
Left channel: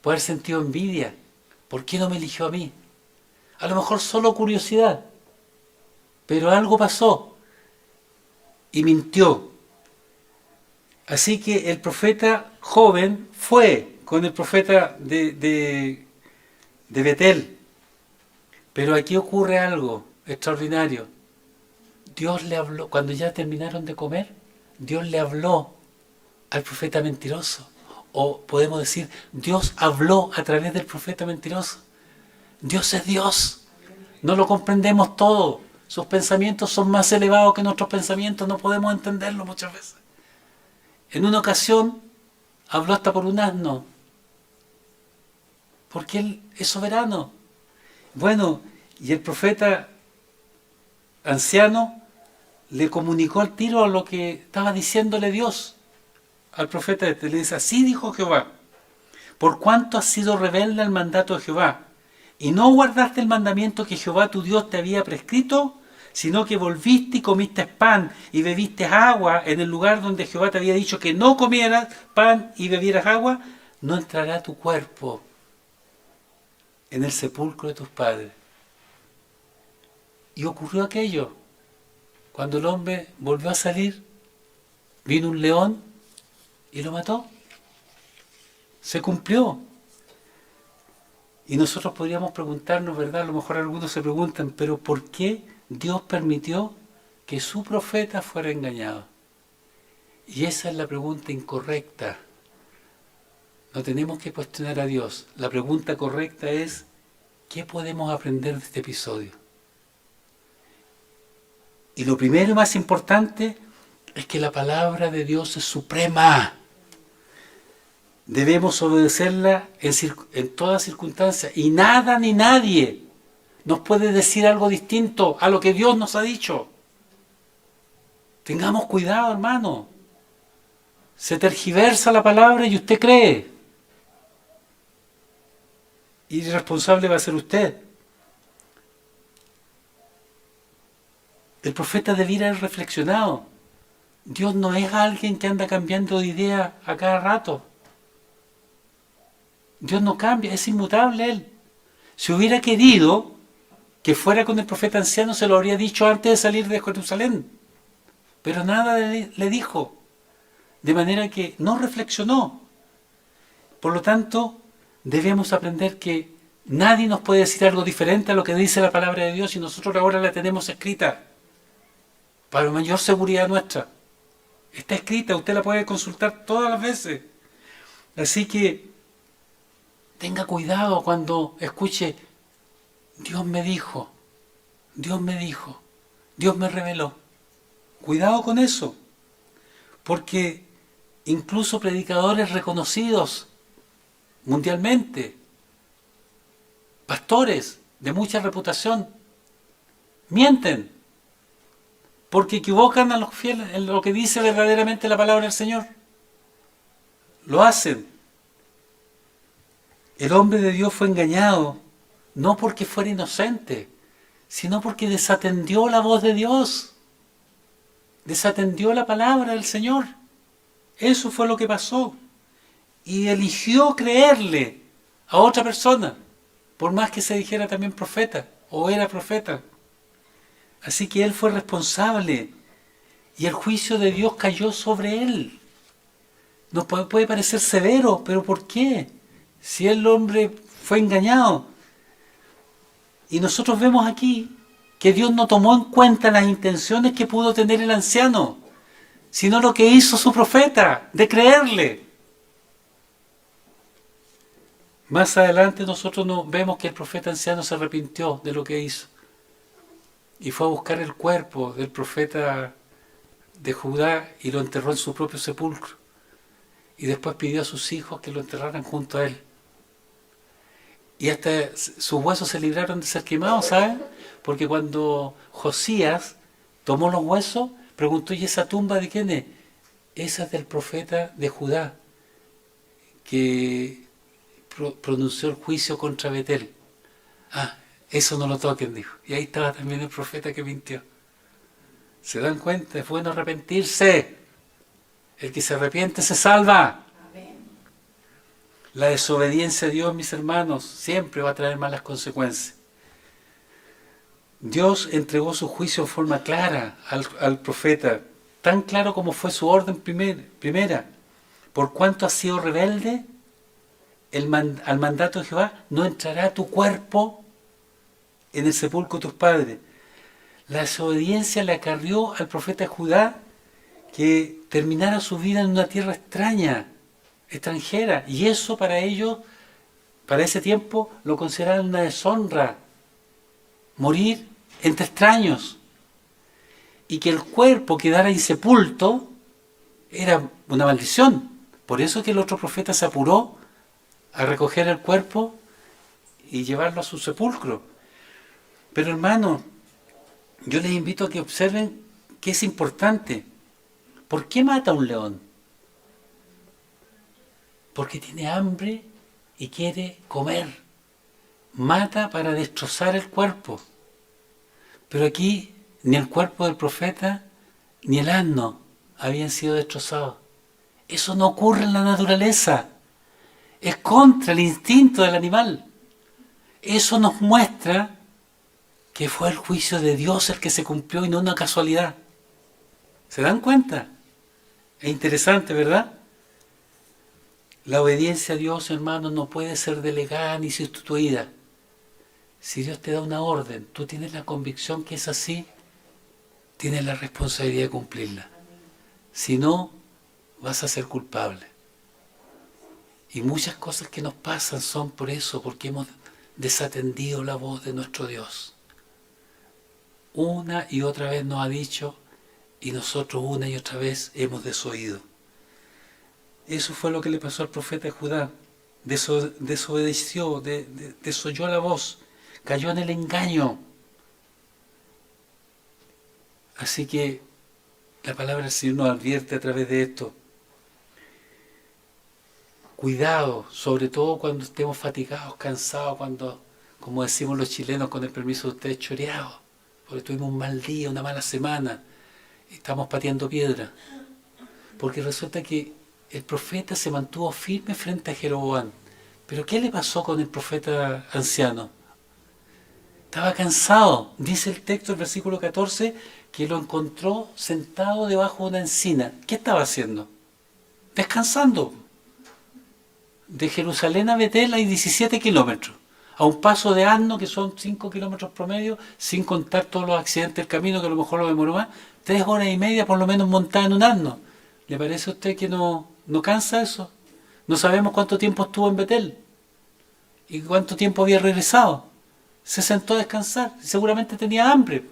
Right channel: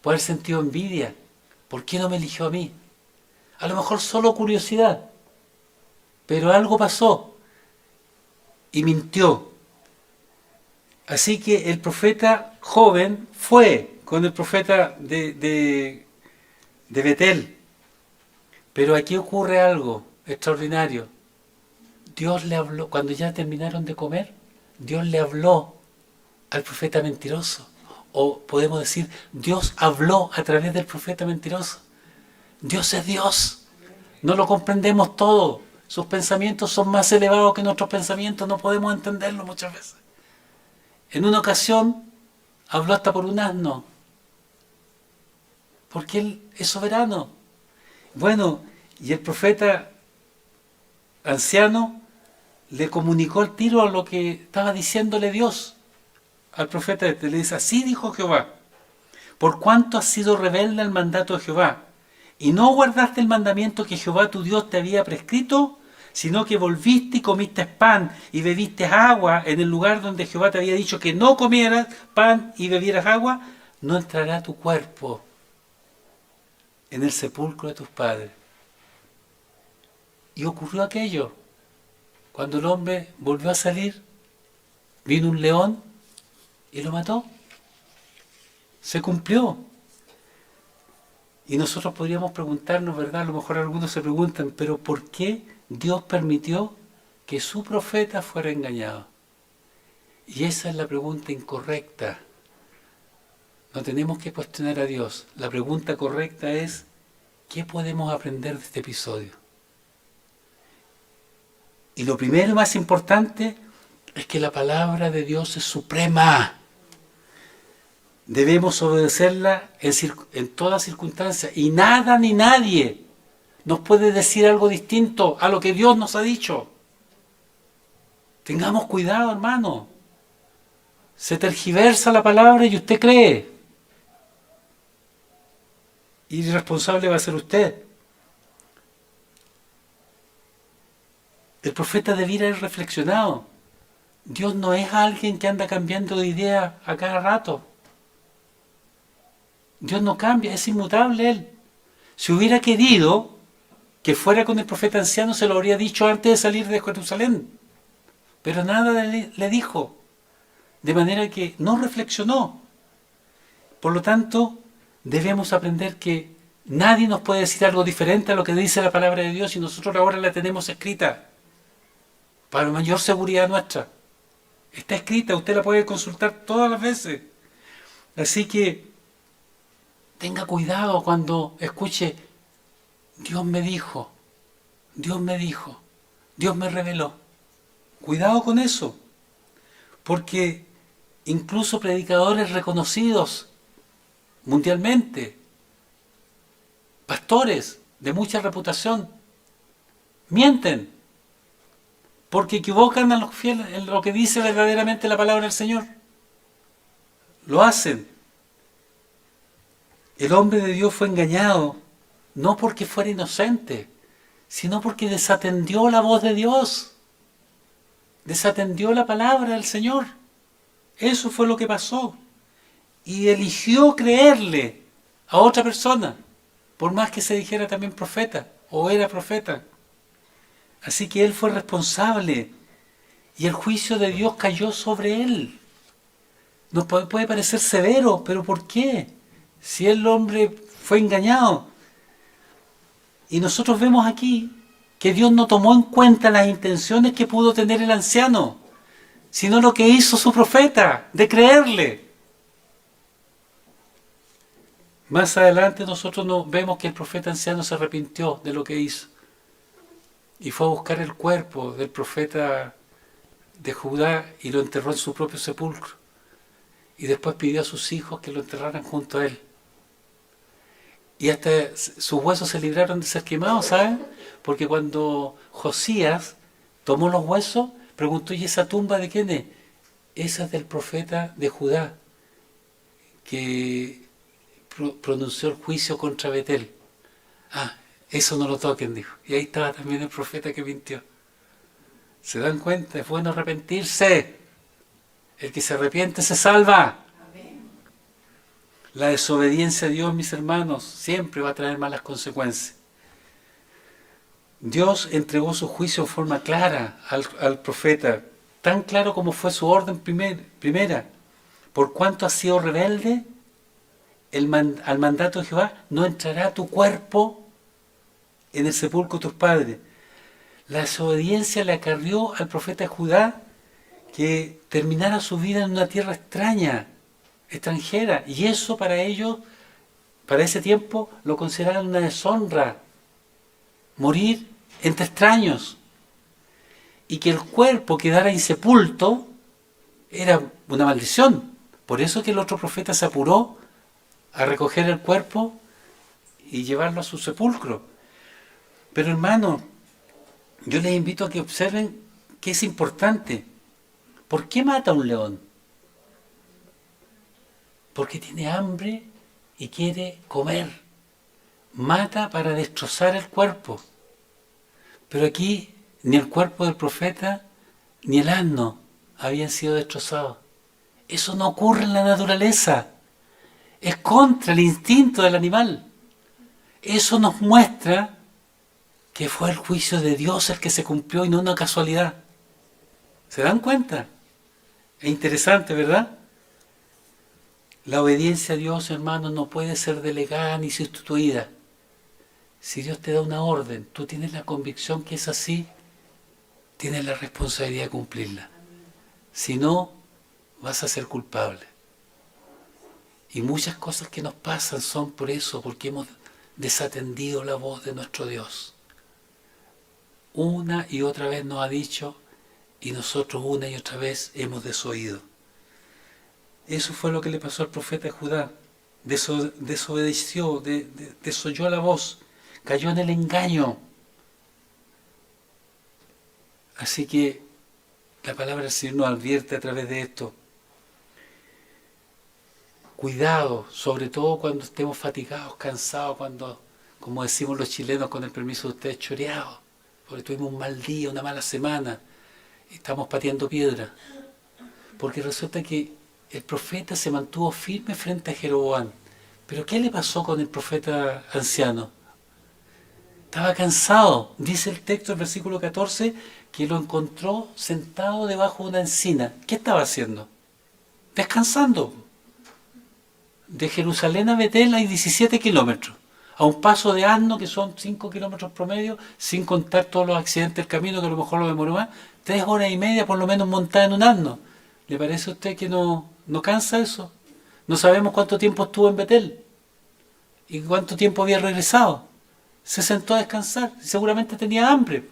puede haber sentido envidia. ¿Por qué no me eligió a mí? A lo mejor solo curiosidad, pero algo pasó y mintió. Así que el profeta joven fue con el profeta de Betel. Pero aquí ocurre algo extraordinario. Dios le habló, cuando ya terminaron de comer, Dios le habló al profeta mentiroso. O podemos decir, Dios habló a través del profeta mentiroso. Dios es Dios. No lo comprendemos todo. Sus pensamientos son más elevados que nuestros pensamientos. No podemos entenderlo muchas veces. En una ocasión habló hasta por un asno. Porque Él es soberano. Bueno, y el profeta anciano le comunicó al tiro a lo que estaba diciéndole Dios al profeta le dice, así dijo Jehová, por cuanto has sido rebelde al mandato de Jehová, y no guardaste el mandamiento que Jehová tu Dios te había prescrito, sino que volviste y comiste pan y bebiste agua en el lugar donde Jehová te había dicho que no comieras pan y bebieras agua, no entrará tu cuerpo en el sepulcro de tus padres. Y ocurrió aquello. Cuando el hombre volvió a salir, vino un león y lo mató. Se cumplió. Y nosotros podríamos preguntarnos, ¿verdad? A lo mejor algunos se preguntan, pero ¿por qué Dios permitió que su profeta fuera engañado? Y esa es la pregunta incorrecta. No tenemos que cuestionar a Dios. La pregunta correcta es, ¿qué podemos aprender de este episodio? Y lo primero y más importante es que la palabra de Dios es suprema. Debemos obedecerla en todas circunstancias. Y nada ni nadie nos puede decir algo distinto a lo que Dios nos ha dicho. Tengamos cuidado, hermano. Se tergiversa la palabra y usted cree. Y irresponsable va a ser usted. El profeta debiera haber reflexionado. Dios no es alguien que anda cambiando de idea a cada rato. Dios no cambia, es inmutable Él. Si hubiera querido que fuera con el profeta anciano, se lo habría dicho antes de salir de Jerusalén. Pero nada le dijo. De manera que no reflexionó. Por lo tanto, debemos aprender que nadie nos puede decir algo diferente a lo que dice la palabra de Dios y nosotros ahora la tenemos escrita. Para mayor seguridad nuestra. Está escrita, usted la puede consultar todas las veces. Así que tenga cuidado cuando escuche, Dios me dijo, Dios me dijo, Dios me reveló. Cuidado con eso, porque incluso predicadores reconocidos mundialmente, pastores de mucha reputación, mienten, porque equivocan a los fieles en lo que dice verdaderamente la palabra del Señor. Lo hacen. El hombre de Dios fue engañado no porque fuera inocente, sino porque desatendió la voz de Dios, desatendió la palabra del Señor. Eso fue lo que pasó. Y eligió creerle a otra persona, por más que se dijera también profeta, o era profeta. Así que él fue responsable, y el juicio de Dios cayó sobre él. Nos puede parecer severo, pero ¿por qué? Si el hombre fue engañado. Y nosotros vemos aquí que Dios no tomó en cuenta las intenciones que pudo tener el anciano, sino lo que hizo su profeta, de creerle. Más adelante nosotros vemos que el profeta anciano se arrepintió de lo que hizo y fue a buscar el cuerpo del profeta de Judá y lo enterró en su propio sepulcro. Y después pidió a sus hijos que lo enterraran junto a él. Y hasta sus huesos se libraron de ser quemados, ¿saben? Porque cuando Josías tomó los huesos, preguntó: ¿y esa tumba de quién es? Esa es del profeta de Judá, que pronunció el juicio contra Betel. Ah, eso no lo toquen, dijo. Y ahí estaba también el profeta que mintió. ¿Se dan cuenta? Es bueno arrepentirse. El que se arrepiente se salva. Amén. La desobediencia a Dios, mis hermanos, siempre va a traer malas consecuencias. Dios entregó su juicio en forma clara al profeta, tan claro como fue su orden primera. Por cuanto has sido rebelde al mandato de Jehová, no entrará tu cuerpo en el sepulcro de tus padres. La desobediencia le acarrió al profeta Judá que terminara su vida en una tierra extranjera, y eso para ellos, para ese tiempo, lo consideraban una deshonra, morir entre extraños, y que el cuerpo quedara insepulto era una maldición. Por eso que el otro profeta se apuró a recoger el cuerpo y llevarlo a su sepulcro. Pero hermano, yo les invito a que observen que es importante. ¿Por qué mata a un león? Porque tiene hambre y quiere comer. Mata para destrozar el cuerpo. Pero aquí ni el cuerpo del profeta ni el asno habían sido destrozados. Eso no ocurre en la naturaleza. Es contra el instinto del animal. Eso nos muestra que fue el juicio de Dios el que se cumplió y no una casualidad. ¿Se dan cuenta? Es interesante, ¿verdad? La obediencia a Dios, hermanos, no puede ser delegada ni sustituida. Si Dios te da una orden, tú tienes la convicción que es así, tienes la responsabilidad de cumplirla. Si no, vas a ser culpable. Y muchas cosas que nos pasan son por eso, porque hemos desatendido la voz de nuestro Dios. Una y otra vez nos ha dicho, y nosotros una y otra vez hemos desoído. Eso fue lo que le pasó al profeta Judá. Desobedeció, desoyó la voz, cayó en el engaño. Así que la palabra del Señor nos advierte a través de esto. Cuidado, sobre todo cuando estemos fatigados, cansados, cuando, como decimos los chilenos, con el permiso de ustedes, choreados, porque tuvimos un mal día, una mala semana, y estamos pateando piedra. Porque resulta que el profeta se mantuvo firme frente a Jeroboam. Pero ¿qué le pasó con el profeta anciano? Estaba cansado. Dice el texto, el versículo 14, que lo encontró sentado debajo de una encina. ¿Qué estaba haciendo? Descansando. De Jerusalén a Betel hay 17 kilómetros. A un paso de asno, que son 5 kilómetros promedio, sin contar todos los accidentes del camino, que a lo mejor lo demoró más, 3 horas y media por lo menos montada en un asno. ¿Le parece a usted que no cansa eso? No sabemos cuánto tiempo estuvo en Betel y cuánto tiempo había regresado. Se sentó a descansar, seguramente tenía hambre.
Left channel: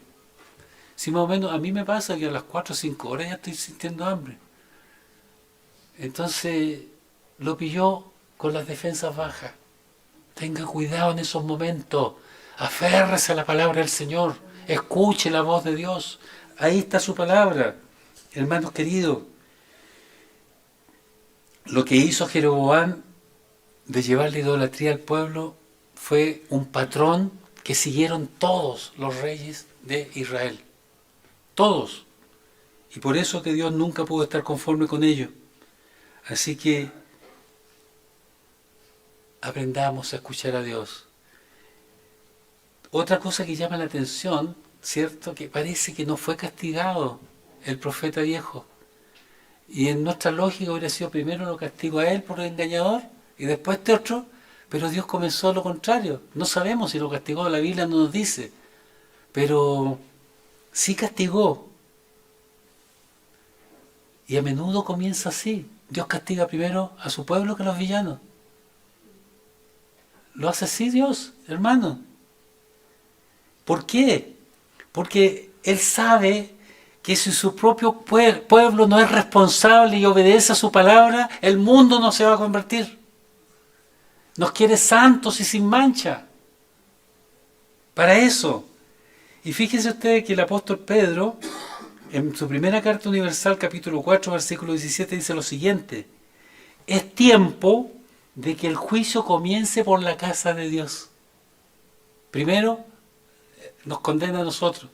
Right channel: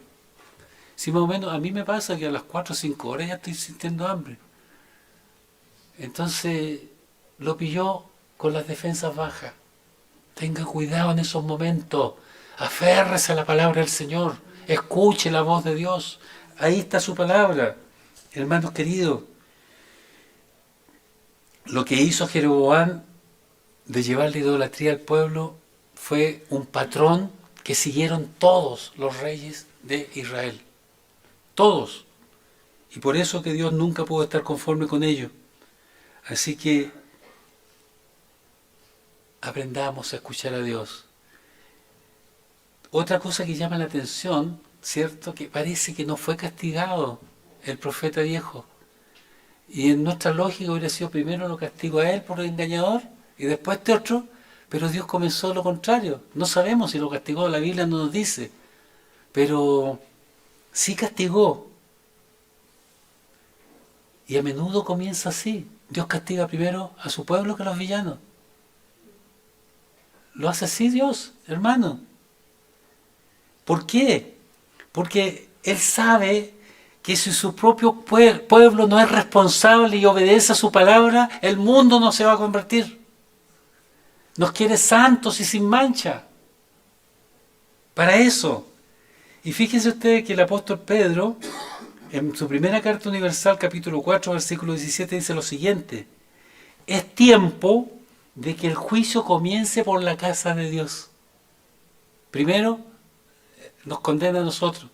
Si más o menos, a mí me pasa que a las 4 o 5 horas ya estoy sintiendo hambre. Entonces lo pilló con las defensas bajas. Tenga cuidado en esos momentos. Aférrese a la palabra del Señor. Escuche la voz de Dios. Ahí está su palabra. Hermanos queridos, lo que hizo Jeroboam de llevar la idolatría al pueblo fue un patrón que siguieron todos los reyes de Israel. Todos. Y por eso que Dios nunca pudo estar conforme con ellos. Así que aprendamos a escuchar a Dios. Otra cosa que llama la atención, ¿cierto? Que parece que no fue castigado el profeta viejo. Y en nuestra lógica hubiera sido primero lo castigo a él por el engañador y después este otro, pero Dios comenzó lo contrario. No sabemos si lo castigó, la Biblia no nos dice, pero sí castigó. Y a menudo comienza así. Dios castiga primero a su pueblo que a los villanos. Lo hace así Dios, hermano. ¿Por qué? Porque Él sabe que si su propio pueblo no es responsable y obedece a su palabra, el mundo no se va a convertir. Nos quiere santos y sin mancha. Para eso. Y fíjense ustedes que el apóstol Pedro, en su primera carta universal, capítulo 4, versículo 17, dice lo siguiente: es tiempo de que el juicio comience por la casa de Dios. Primero nos condena a nosotros.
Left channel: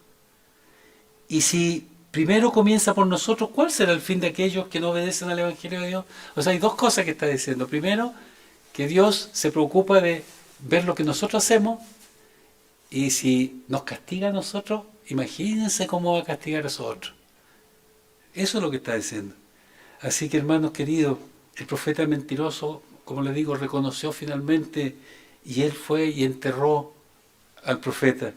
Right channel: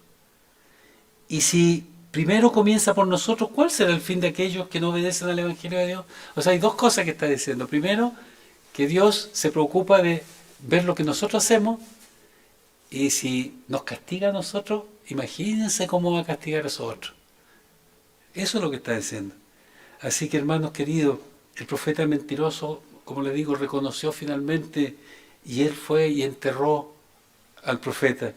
Y si primero comienza por nosotros, ¿cuál será el fin de aquellos que no obedecen al Evangelio de Dios? O sea, hay dos cosas que está diciendo. Primero, que Dios se preocupa de ver lo que nosotros hacemos, y si nos castiga a nosotros, imagínense cómo va a castigar a esos otros. Eso es lo que está diciendo. Así que, hermanos queridos, el profeta mentiroso, como les digo, reconoció finalmente, y él fue y enterró al profeta.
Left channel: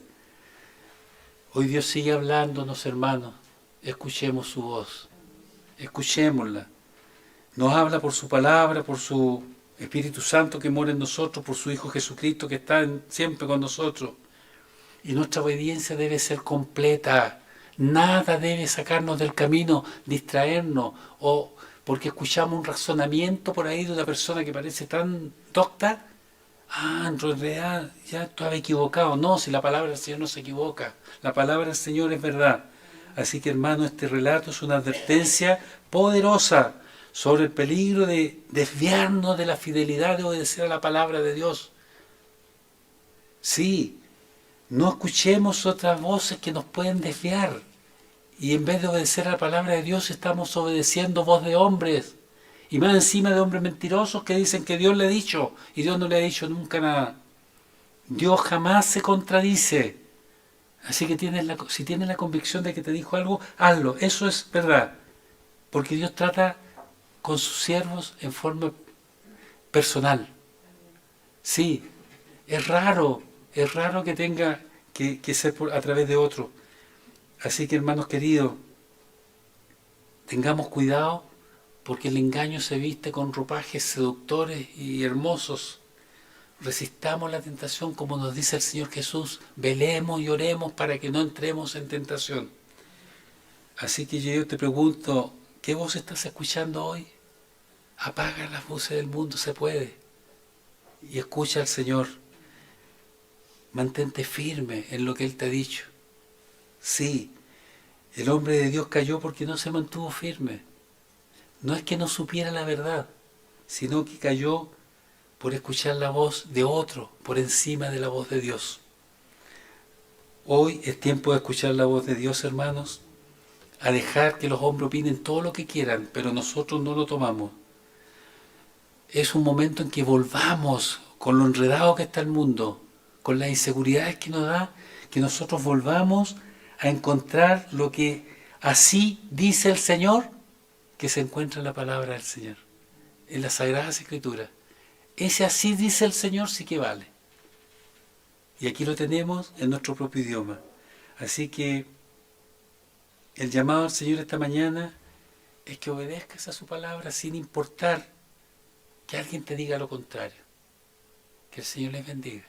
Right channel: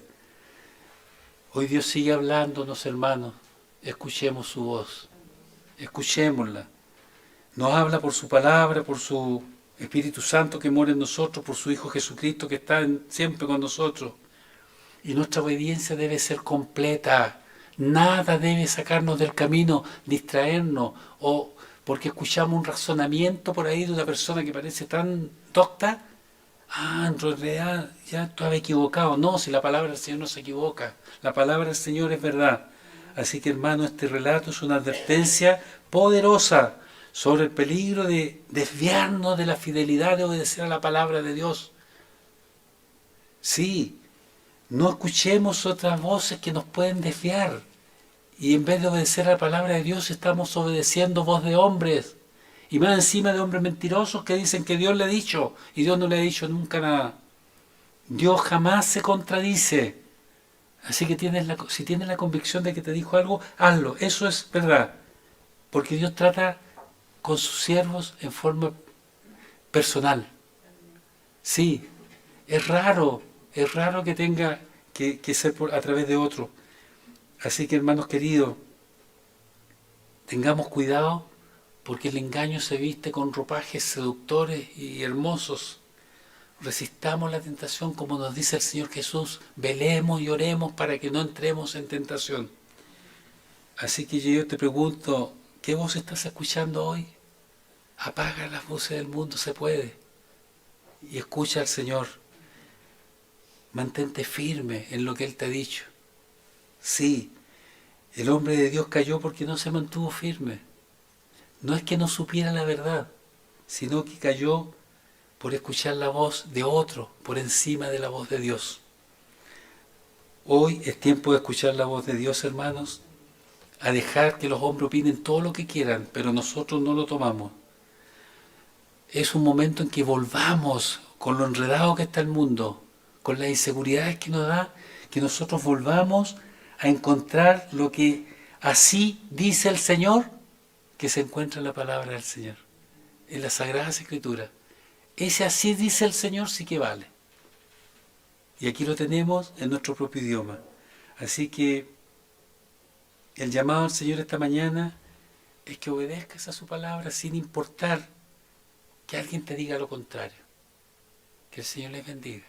Hoy Dios sigue hablándonos, hermanos. Escuchemos su voz. Escuchémosla. Nos habla por su palabra, por su Espíritu Santo que mora en nosotros, por su Hijo Jesucristo que está siempre con nosotros. Y nuestra obediencia debe ser completa. Nada debe sacarnos del camino, distraernos, o porque escuchamos un razonamiento por ahí de una persona que parece tan docta. En realidad ya estaba equivocado. No, si la palabra del Señor no se equivoca. La palabra del Señor es verdad. Así que, hermano, este relato es una advertencia poderosa sobre el peligro de desviarnos de la fidelidad de obedecer a la palabra de Dios. Sí, no escuchemos otras voces que nos pueden desviar. Y en vez de obedecer a la palabra de Dios, estamos obedeciendo voz de hombres. Y más encima de hombres mentirosos que dicen que Dios le ha dicho, y Dios no le ha dicho nunca nada. Dios jamás se contradice. Así que si tienes la convicción de que te dijo algo, hazlo. Eso es verdad. Porque Dios trata con sus siervos en forma personal. Sí, es raro que tenga que ser a través de otro. Así que, hermanos queridos, tengamos cuidado, porque el engaño se viste con ropajes seductores y hermosos. Resistamos la tentación, como nos dice el Señor Jesús. Velemos y oremos para que no entremos en tentación. Así que yo te pregunto, ¿qué voz estás escuchando hoy? Apaga las voces del mundo, se puede. Y escucha al Señor. Mantente firme en lo que Él te ha dicho. Sí, el hombre de Dios cayó porque no se mantuvo firme. No es que no supiera la verdad, sino que cayó por escuchar la voz de otro por encima de la voz de Dios. Hoy es tiempo de escuchar la voz de Dios, hermanos, a dejar que los hombres opinen todo lo que quieran, pero nosotros no lo tomamos. Es un momento en que volvamos con lo enredado que está el mundo, con las inseguridades que nos da, que nosotros volvamos a encontrar lo que así dice el Señor, que se encuentra en la palabra del Señor, en las Sagradas Escrituras. Ese así dice el Señor sí que vale. Y aquí lo tenemos en nuestro propio idioma. Así que el llamado al Señor esta mañana es que obedezcas a su palabra sin importar que alguien te diga lo contrario. Que el Señor les bendiga.